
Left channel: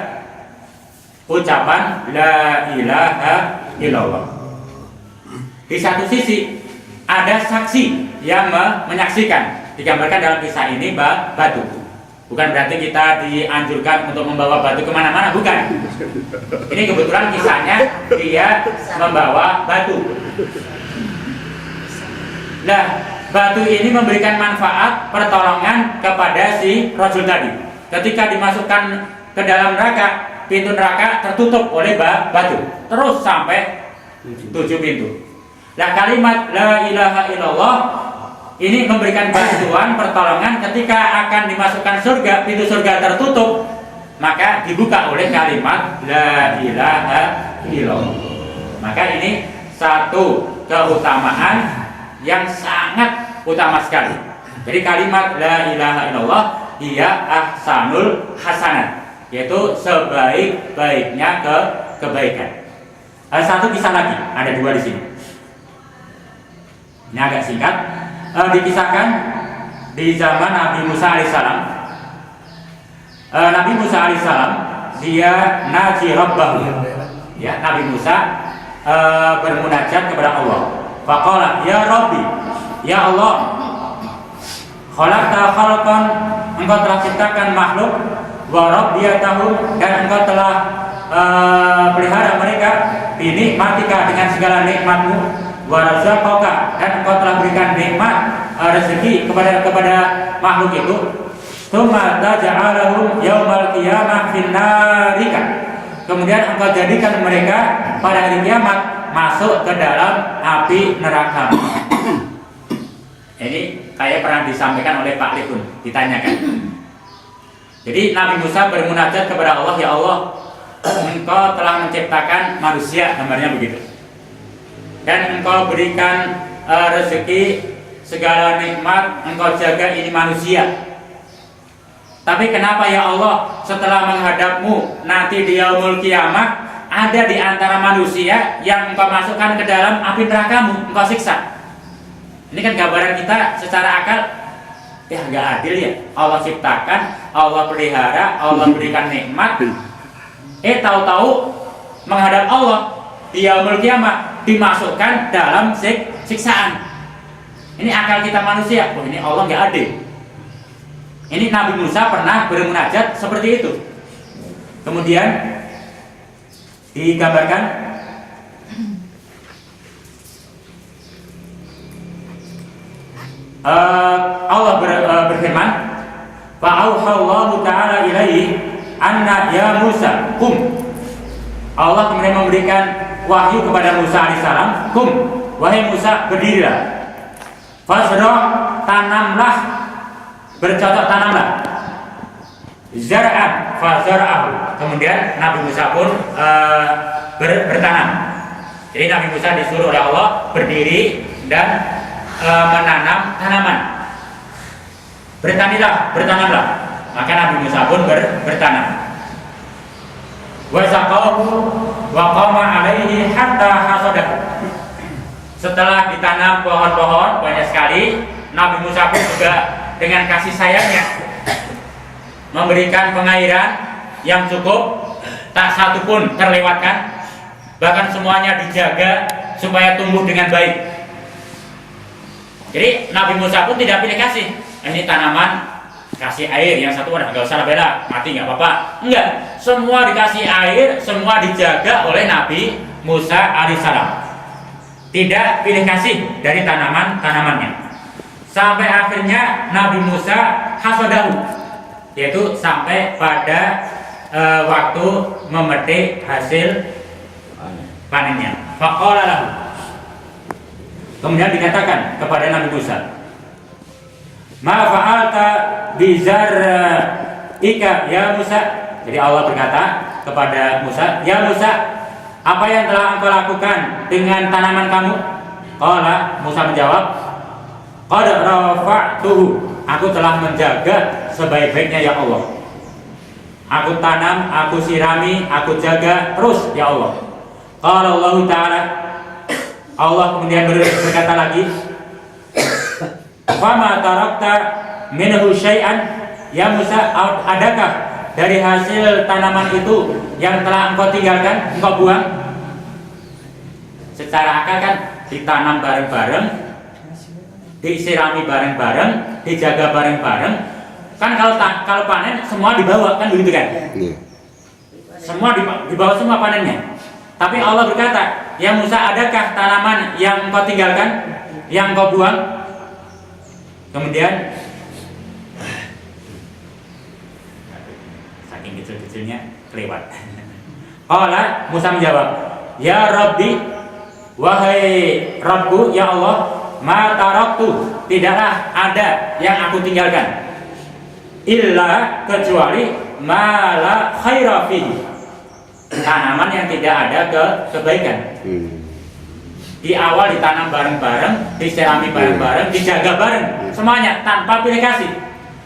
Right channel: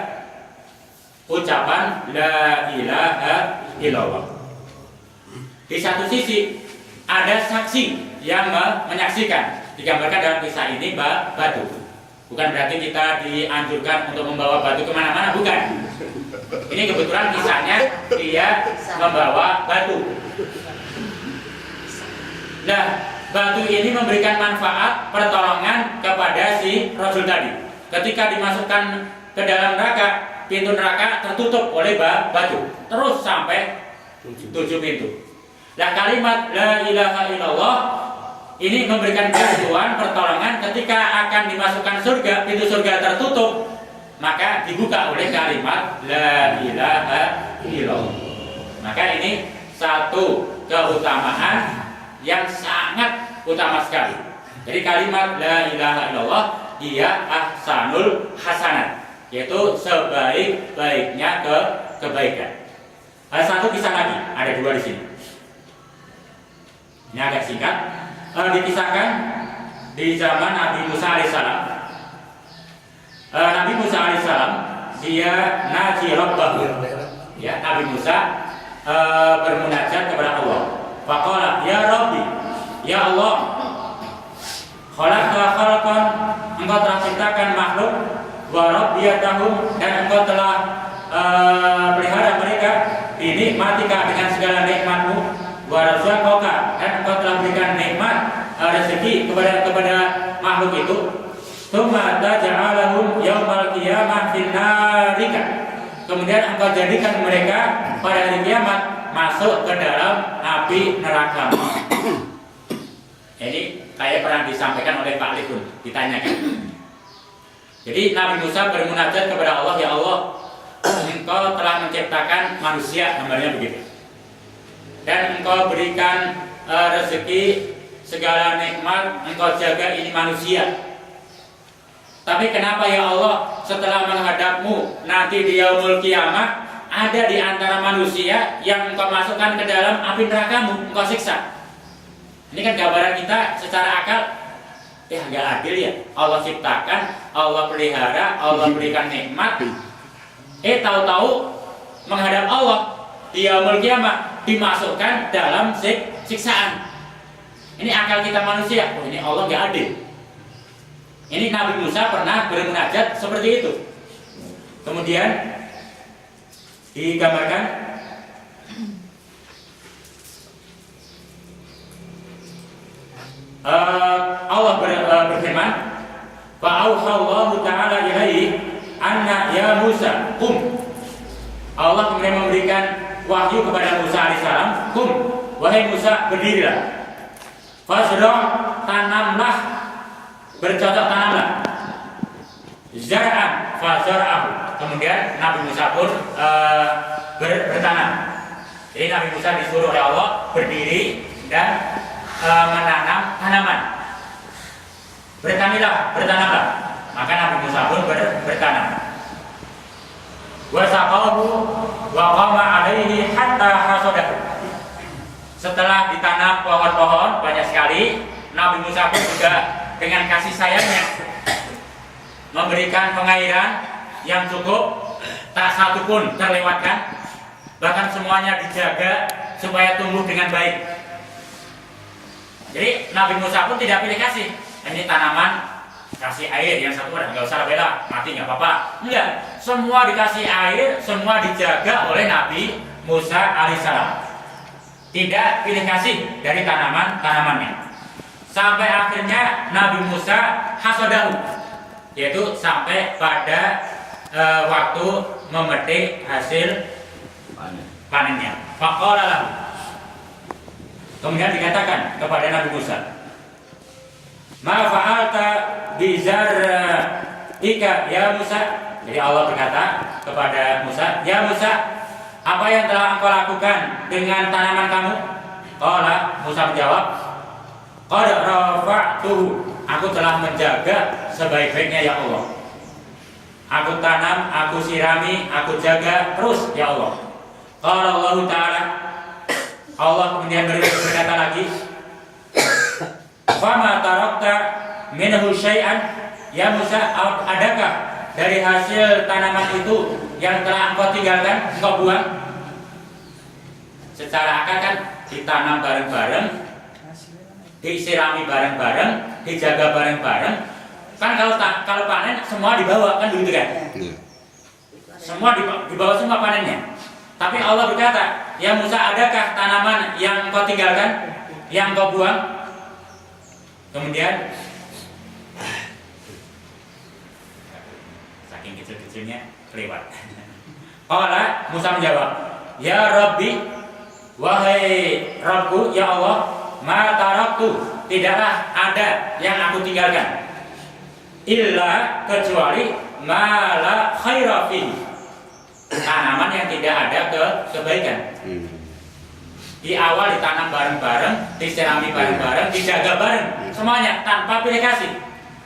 ucapan la ilaha illallah. Di satu sisi ada saksi yang menyaksikan, digambarkan dalam kisah ini batu. Bukan berarti kita dianjurkan untuk membawa batu kemana-mana, bukan. Ini kebetulan kisahnya dia membawa batu. Nah, batu ini memberikan manfaat pertolongan kepada si rajul tadi. Ketika dimasukkan ke dalam neraka, pintu neraka tertutup oleh batu, terus sampai 7 pintu. Nah, kalimat la ilaha illallah ini memberikan bantuan pertolongan ketika akan dimasukkan surga, pintu surga tertutup, maka dibuka oleh kalimat la ilaha illallah. Maka ini satu keutamaan yang sangat utama sekali. Jadi kalimat la ilaha illallah ia ahsanul hasanat, yaitu sebaik-baiknya kebaikan. Ada satu kisah lagi, ada 2 di sini. Ini agak singkat. Dikisahkan di zaman Nabi Musa alaihissalam. Nabi Musa alaihissalam dia naji rabbahu. Ya, Nabi Musa bermunajat kepada Allah. Faqala ya Rabbi, ya Allah, khalaqta khalqan, engkau telah ciptakan makhluk, wa rabbiyatahum, dan engkau telah pelihara mereka, binikmatika, dengan segala nikmatmu, wa razaqaka, dan engkau telah berikan nikmat rezeki kepada makhluk itu. Tsumma taj'alahum yaumal qiyamah finnarika, kemudian engkau jadikan mereka pada hari kiamat masuk ke dalam api neraka. Ini kayak pernah disampaikan oleh Pak Lekun, ditanyakan. Jadi Nabi Musa bermunajat kepada Allah, ya Allah, engkau telah menciptakan manusia, gambarnya begitu, dan engkau berikan rezeki, segala nikmat engkau jaga ini manusia. Tapi kenapa ya Allah setelah menghadapmu nanti di yaumul kiamah ada di antara manusia yang engkau masukkan ke dalam api nerakamu, engkau siksa? Ini kan gambaran kita secara akal, ya nggak adil ya. Allah ciptakan, Allah pelihara, Allah berikan nikmat, tahu-tahu menghadap Allah di yaumul kiamah dimasukkan dalam siksaan. Ini akal kita manusia, oh ini Allah nggak adil. Ini Nabi Musa pernah bermunajat seperti itu. Kemudian digambarkan Allah berfirman, fa'auhallahu ta'ala ilaihi anna ya Musa kum. Allah kemudian memberikan wahyu kepada Musa alaihissalam, kum, wahai Musa, berdirilah, fasra, tanamlah, bercocok tanamlah, zar'an fazar'ahu, kemudian Nabi Musa pun bertanam. Jadi Nabi Musa disuruh oleh Allah berdiri dan menanam tanaman. Bertanamlah. Maka Nabi Musa pun bertanam. Wa saqahu wa qama alaihi hatta hasadahu. Setelah ditanam pohon-pohon banyak sekali, Nabi Musa pun juga dengan kasih sayangnya memberikan pengairan yang cukup, tak satu pun terlewatkan, bahkan semuanya dijaga supaya tumbuh dengan baik. Jadi Nabi Musa pun tidak pilih kasih, ini tanaman kasih air, yang satu udah nggak usah bela, mati nggak apa-apa. Enggak, semua dikasih air, semua dijaga oleh Nabi Musa alaihissalam. Tidak pilih kasih dari tanamannya. Sampai akhirnya Nabi Musa hasadahu, yaitu sampai pada waktu memetik hasil panennya. Faqala lahu. Kemudian dikatakan kepada Nabi Musa, "Ma fa'alta bizar'ika ya Musa?" Jadi Allah berkata kepada Musa, "Ya Musa, apa yang telah engkau lakukan dengan tanaman kamu?" Qala, Musa menjawab, "Qad rafa'tuhu." Aku telah menjaga sebaik-baiknya ya Allah. Aku tanam, aku sirami, aku jaga terus ya Allah. Qala Allah Ta'ala, Allah kemudian berkata lagi, "Fama tarakta minhu syai'an?" Ya Musa, adakah dari hasil tanaman itu yang telah engkau tinggalkan, engkau buang? Secara akal kan ditanam bareng-bareng, disirami bareng-bareng, dijaga bareng-bareng. Kan kalau panen semua dibawa kan begitu kan? Semua dibawa semua panennya. Tapi Allah berkata, "Ya Musa, adakah tanaman yang engkau tinggalkan, yang engkau buang?" Kemudian saking kecil-kecilnya kelewat. Qala, Musa menjawab, "Ya Rabbi, wahai Rabbku, ya Allah, ma taraktu, tidaklah ada yang aku tinggalkan, illa kecuali ma la khaira fihi, tanaman yang tidak ada kebaikan." Di awal ditanam bareng-bareng, disirami bareng-bareng, dijaga bareng, semuanya tanpa pilih kasih.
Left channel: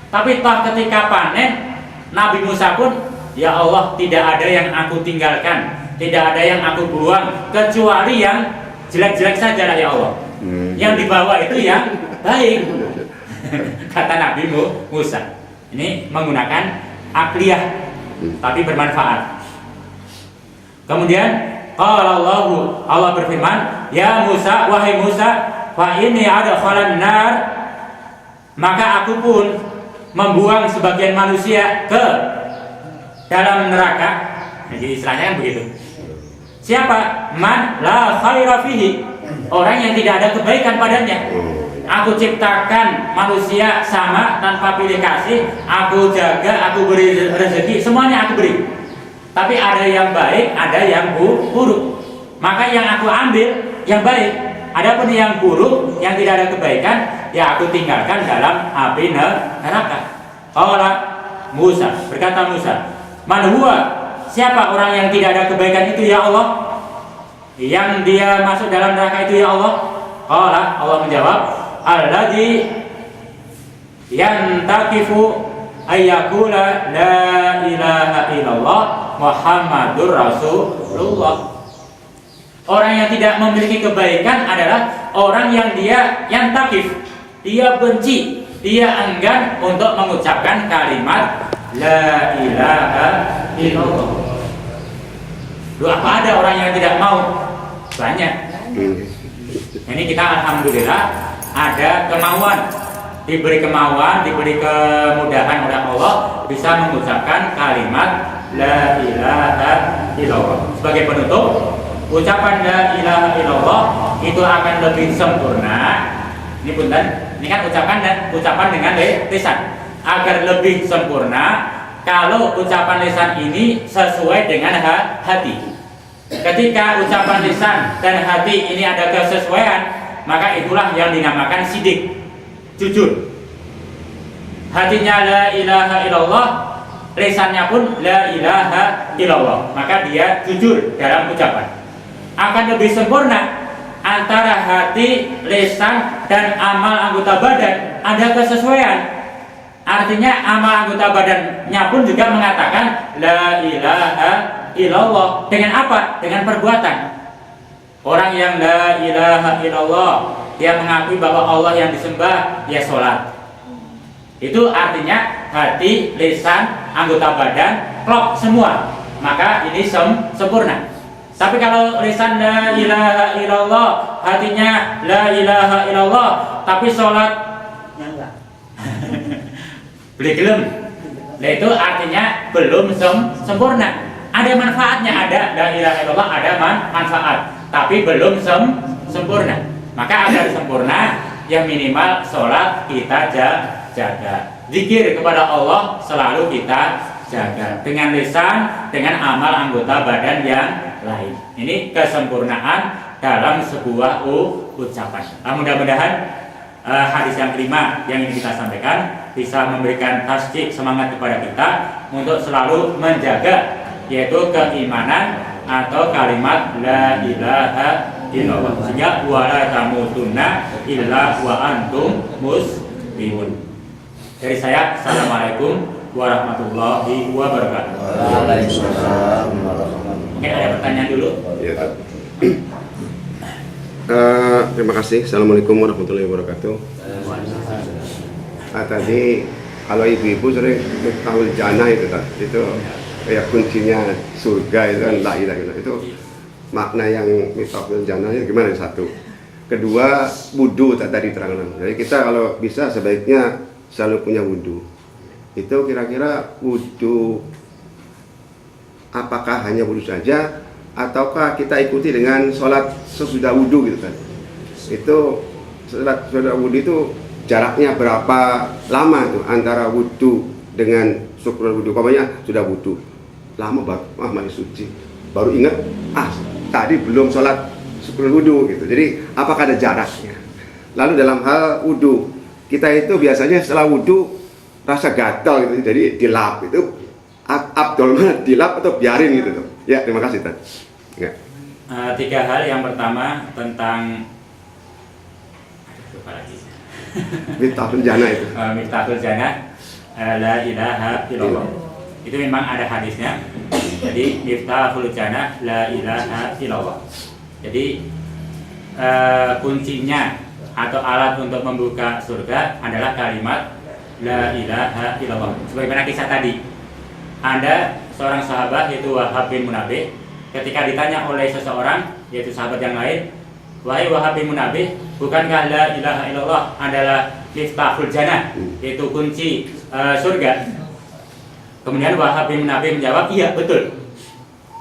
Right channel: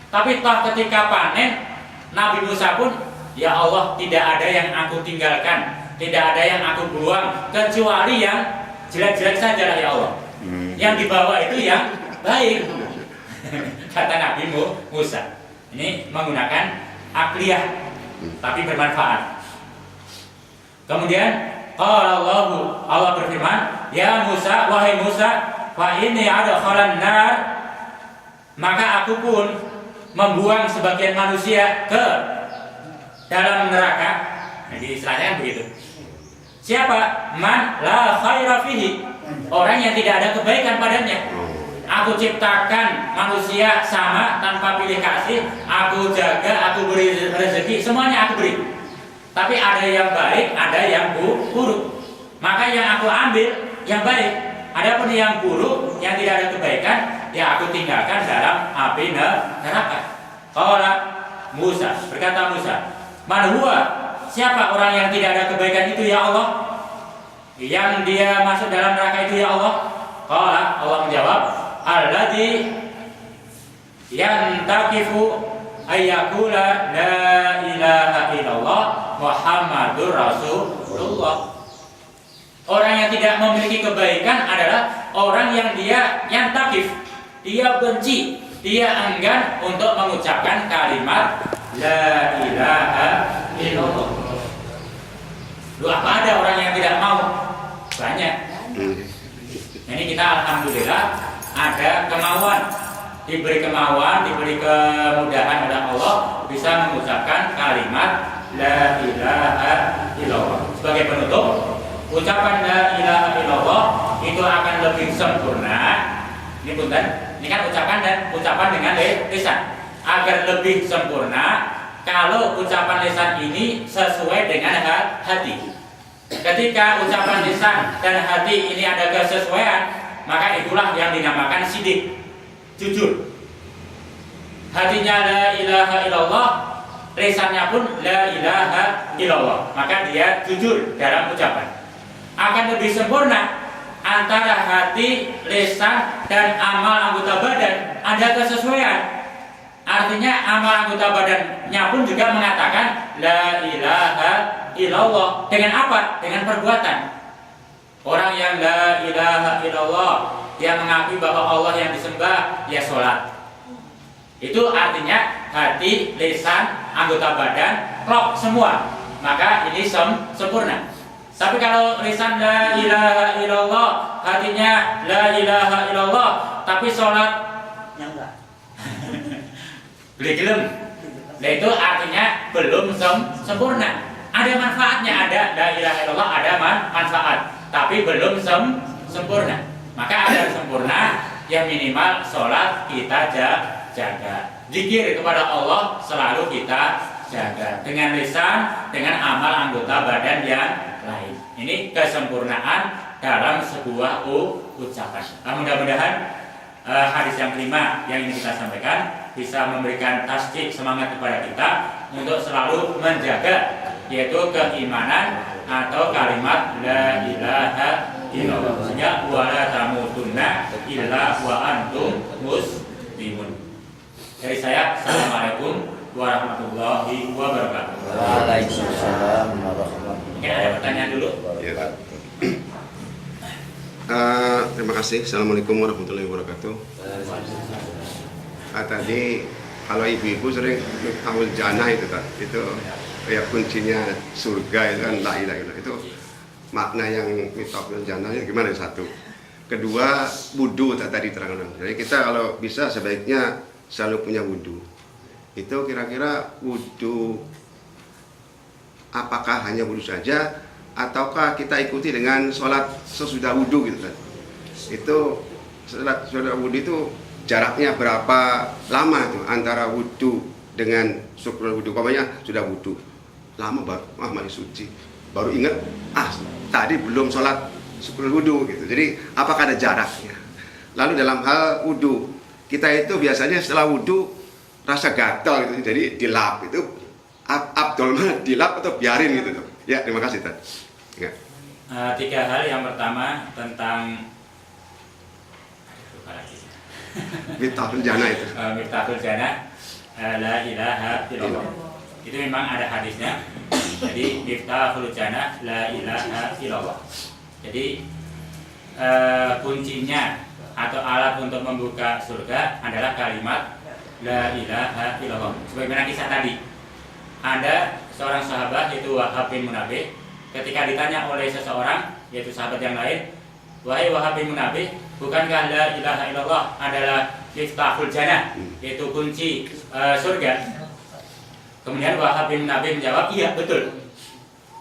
Tapi toh ketika panen, Nabi Musa pun, "Ya Allah, tidak ada yang aku tinggalkan, tidak ada yang aku buang, kecuali yang jelek-jelek saja lah ya Allah. Yang dibawa itu yang baik." Kata Nabi Musa. Ini menggunakan akliyah, tapi bermanfaat. Kemudian Allah berfirman, "Ya Musa, wahai Musa, fa inni adkhalan nar," maka aku pun membuang sebagian manusia ke dalam neraka. Jadi istilahnya kan begitu. Siapa? Man la khaira fihi, orang yang tidak ada kebaikan padanya. Aku ciptakan manusia sama tanpa pilih kasih, aku jaga, aku beri rezeki, semuanya aku beri. Tapi ada yang baik, ada yang buruk. Maka yang aku ambil yang baik. Adapun yang buruk, yang tidak ada kebaikan, ya aku tinggalkan dalam api neraka. Qala Musa, berkata Musa, "Man huwa?" Siapa orang yang tidak ada kebaikan itu ya Allah? Yang dia masuk dalam neraka itu ya Allah? Qala, Allah menjawab, "Alladzi yantakifu ayyakula la ilaha illallah Muhammadur Rasulullah." Orang yang tidak memiliki kebaikan adalah orang yang dia takif, dia benci, dia enggan untuk mengucapkan kalimat la ilaha illallah. Loh, apa ada orang yang tidak mau? Banyak. Ini kita alhamdulillah ada kemauan, diberi kemauan, diberi kemudahan oleh Allah bisa mengucapkan kalimat la ilaha illallah. Sebagai penutup, ucapan la ilaha illallah itu akan lebih sempurna. Ini punten, ini kan ucapan dengan lisan. Agar lebih sempurna kalau ucapan lisan ini sesuai dengan hati. Ketika ucapan lisan dan hati ini ada kesesuaian, maka itulah yang dinamakan sidik, jujur. Hatinya la ilaha illallah, lisannya pun la ilaha illallah, maka dia jujur dalam ucapan. Akan lebih sempurna antara hati, lisan, dan amal anggota badan ada kesesuaian. Artinya amal anggota badannya pun juga mengatakan la ilaha illallah. Dengan apa? Dengan perbuatan. Orang yang la ilaha illallah, dia mengakui bahwa Allah yang disembah, dia sholat. Itu artinya hati, lisan, anggota badan klop semua. Maka ini sempurna. Tapi kalau lisan la ilaha illallah, hatinya la ilaha illallah, tapi sholatnya enggak. Beli gelem. Nah, itu artinya belum sempurna. Ada manfaatnya, ada la ilaha illallah, ada manfaat, tapi belum sempurna. Maka agar sempurna, yang minimal sholat kita jaga. Zikir kepada Allah selalu kita jaga dengan lisan, dengan amal anggota badan yang lain. Ini kesempurnaan dalam sebuah ucapan. Mudah-mudahan hadis yang kelima yang ini kita sampaikan bisa memberikan tasdik semangat kepada kita untuk selalu menjaga yaitu keimanan atau kalimat la ilaha illallah, sehingga wala tamutunna illa wa antum muslimun. Dari saya, assalamualaikum warahmatullahi wabarakatuh. Waalaikumsalam warahmatullahi. Mungkin ada pertanyaan dulu. Ya, Pak. Terima kasih. Assalamualaikum warahmatullahi wabarakatuh. Tadi kalau ibu-ibu sering miftahul jannah itu kayak kuncinya surga itu kan la ilaha illallah. Itu makna yang miftahul jannah itu gimana? Satu. Kedua, wudu tadi terangkan. Jadi kita kalau bisa sebaiknya selalu punya wudu. Itu kira-kira wudu apakah hanya wudu saja ataukah kita ikuti dengan sholat sesudah wudu gitu kan? Itu sholat sesudah wudu itu jaraknya berapa lama tuh antara wudu dengan syukur wudu? Pokoknya sudah wudu lama banget, masih suci, baru ingat tadi belum sholat syukur wudu gitu. Jadi apakah ada jaraknya? Lalu dalam hal wudu kita itu biasanya setelah wudu rasa gatal gitu, jadi dilap itu abdul mana dilap atau biarin gitu tuh? Ya, terima kasih Tan. Ya. 3 hal. Yang pertama tentang lupa lagi. Miftahul jannah itu. Miftahul jannah la ilaha illallah. Itu memang ada hadisnya. Jadi miftahul jannah la ilaha illallah. Jadi kuncinya atau alat untuk membuka surga adalah kalimat la ilaha illallah. Sebagaimana kisah tadi, ada seorang sahabat yaitu Wahab bin Munabbih, ketika ditanya oleh seseorang yaitu sahabat yang lain, wahai Wahab bin Munabbih, bukankah la ilaha illallah adalah miftahul jannah, yaitu kunci surga? Kemudian Wahab bin Munabbih menjawab, iya betul,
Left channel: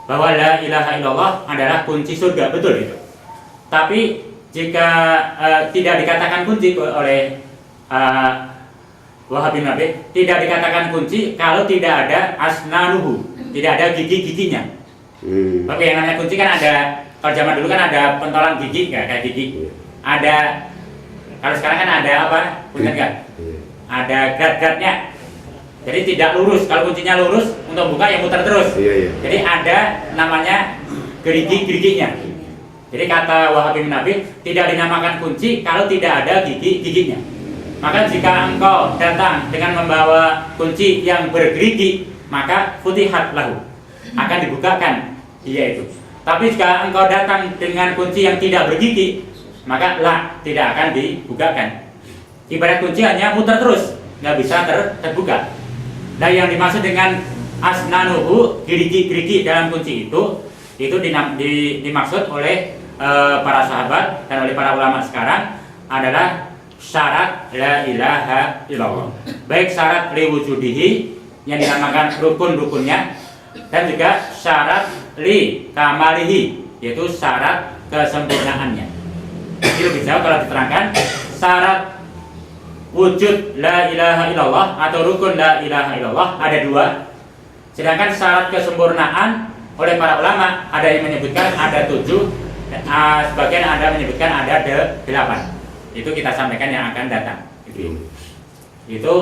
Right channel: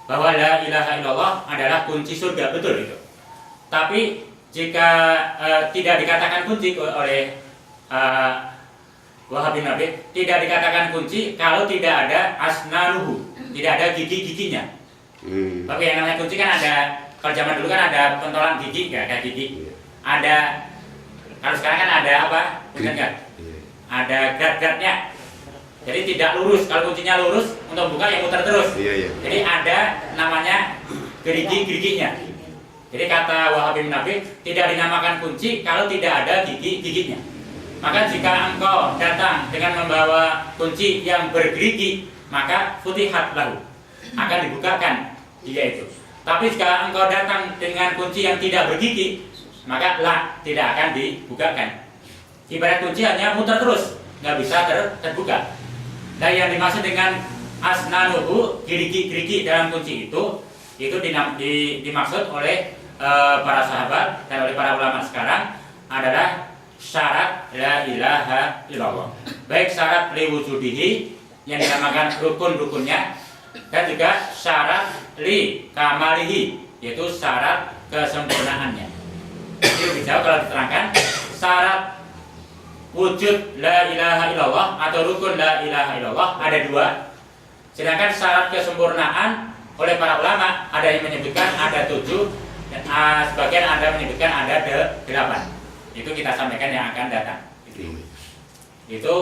bahwa la ilaha illallah adalah kunci surga, betul itu. Tapi jika tidak dikatakan kunci oleh Wahab bin Munabbih, tidak dikatakan kunci kalau tidak ada asnanuhu, tidak ada gigi-giginya. Tapi yang namanya kunci kan ada, kalau zaman dulu kan ada pentolan gigi, nggak kayak gigi. Ada, kalau sekarang kan ada apa? Bukan nggak? Ada grad-gradnya. Jadi tidak lurus. Kalau kuncinya lurus, untuk buka ya muter terus. Jadi ada namanya gerigi-geriginya. Jadi kata Wahab bin Munabbih, tidak dinamakan kunci kalau tidak ada gigi-giginya. Maka jika engkau datang dengan membawa kunci yang bergerigi, maka futihat lahu, akan dibukakan dia itu. Tapi jika engkau datang dengan kunci yang tidak bergigi, maka tidak akan dibukakan. Ibarat kunci hanya muter terus, nggak bisa terbuka. Nah, yang dimaksud dengan asnanuhu, gerigi-gerigi dalam kunci itu dimaksud oleh para sahabat dan oleh para ulama sekarang adalah syarat la ilaha illallah. Baik syarat li wujudihi yang dinamakan rukun-rukunnya, dan juga syarat li kamalihi, yaitu syarat kesempurnaannya. Jadi lebih jauh kalau diterangkan, syarat wujud la ilaha illallah atau rukun la ilaha illallah ada 2. Sedangkan syarat kesempurnaan oleh para ulama ada yang menyebutkan ada 7, sebagian ada menyebutkan ada 8. Itu kita sampaikan yang akan datang. Itu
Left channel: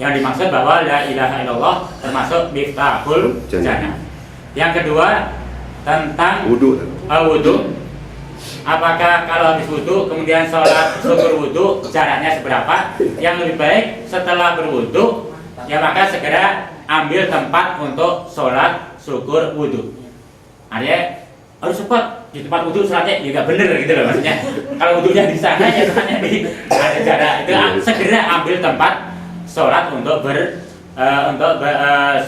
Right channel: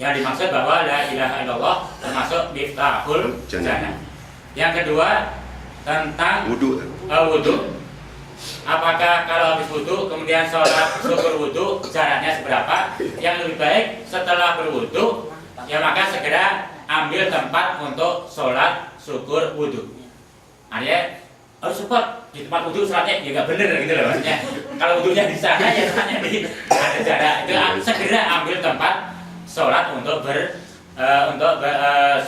yang dimaksud bahwa la ilaha illallah termasuk miftahul jannah. Yang kedua tentang wudu. Apakah kalau habis wudu kemudian sholat syukur wudu jaraknya seberapa? Yang lebih baik setelah berwudu ya maka segera ambil tempat untuk sholat syukur wudu. Artinya harus cepat di tempat wudu sholatnya ya nggak bener gitu loh maksudnya. Kalau wudunya di sana ya sholatnya di ada jarak itu segera ambil tempat sholat untuk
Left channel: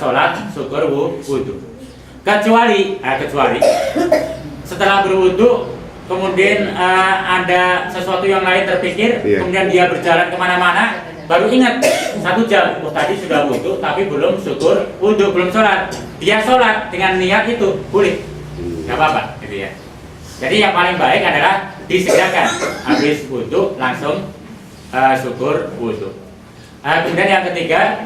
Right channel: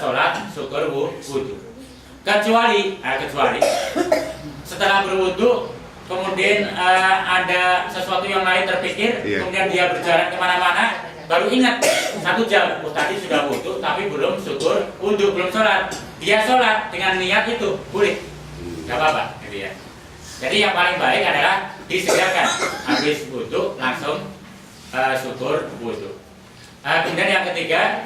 sholat syukur wudu. Kecuali setelah berwudu kemudian ada sesuatu yang lain terpikir, kemudian dia berjalan kemana-mana, baru ingat 1 jam, tadi sudah wudu tapi belum syukur wudu, belum sholat. Dia sholat dengan niat itu boleh, nggak apa-apa, gitu ya. Jadi yang paling baik adalah disegerakan, habis wudu langsung syukur wudu. Kemudian yang ketiga,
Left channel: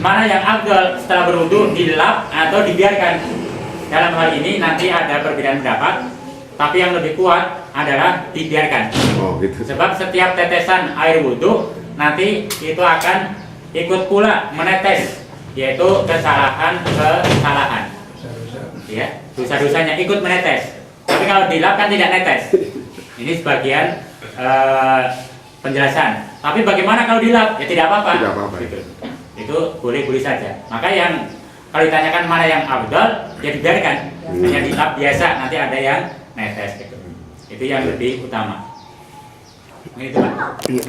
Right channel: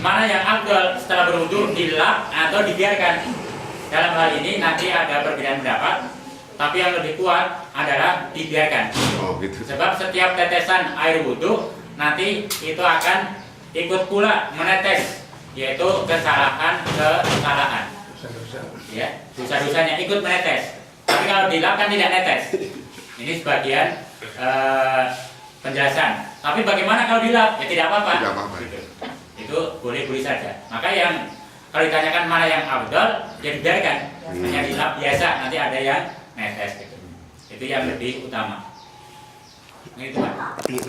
mana yang afdal setelah berwudu, dilap atau dibiarkan? Dalam hal ini nanti ada perbedaan pendapat, tapi yang lebih kuat adalah dibiarkan. Oh gitu. Sebab setiap tetesan air wudu nanti itu akan ikut pula menetes, yaitu kesalahan. Ya, dosa-dosanya ikut menetes. Tapi kalau dilap kan tidak netes. Ini sebagian penjelasan. Tapi bagaimana kalau dilap? Ya tidak apa-apa. Tidak apa-apa. Gitu. Itu boleh-boleh saja. Maka yang kalau ditanyakan mana yang afdal, ya dibiarkan. Hanya dilap biasa, nanti ada yang netes gitu. Itu yang lebih utama. Ini itu Pak. Iya.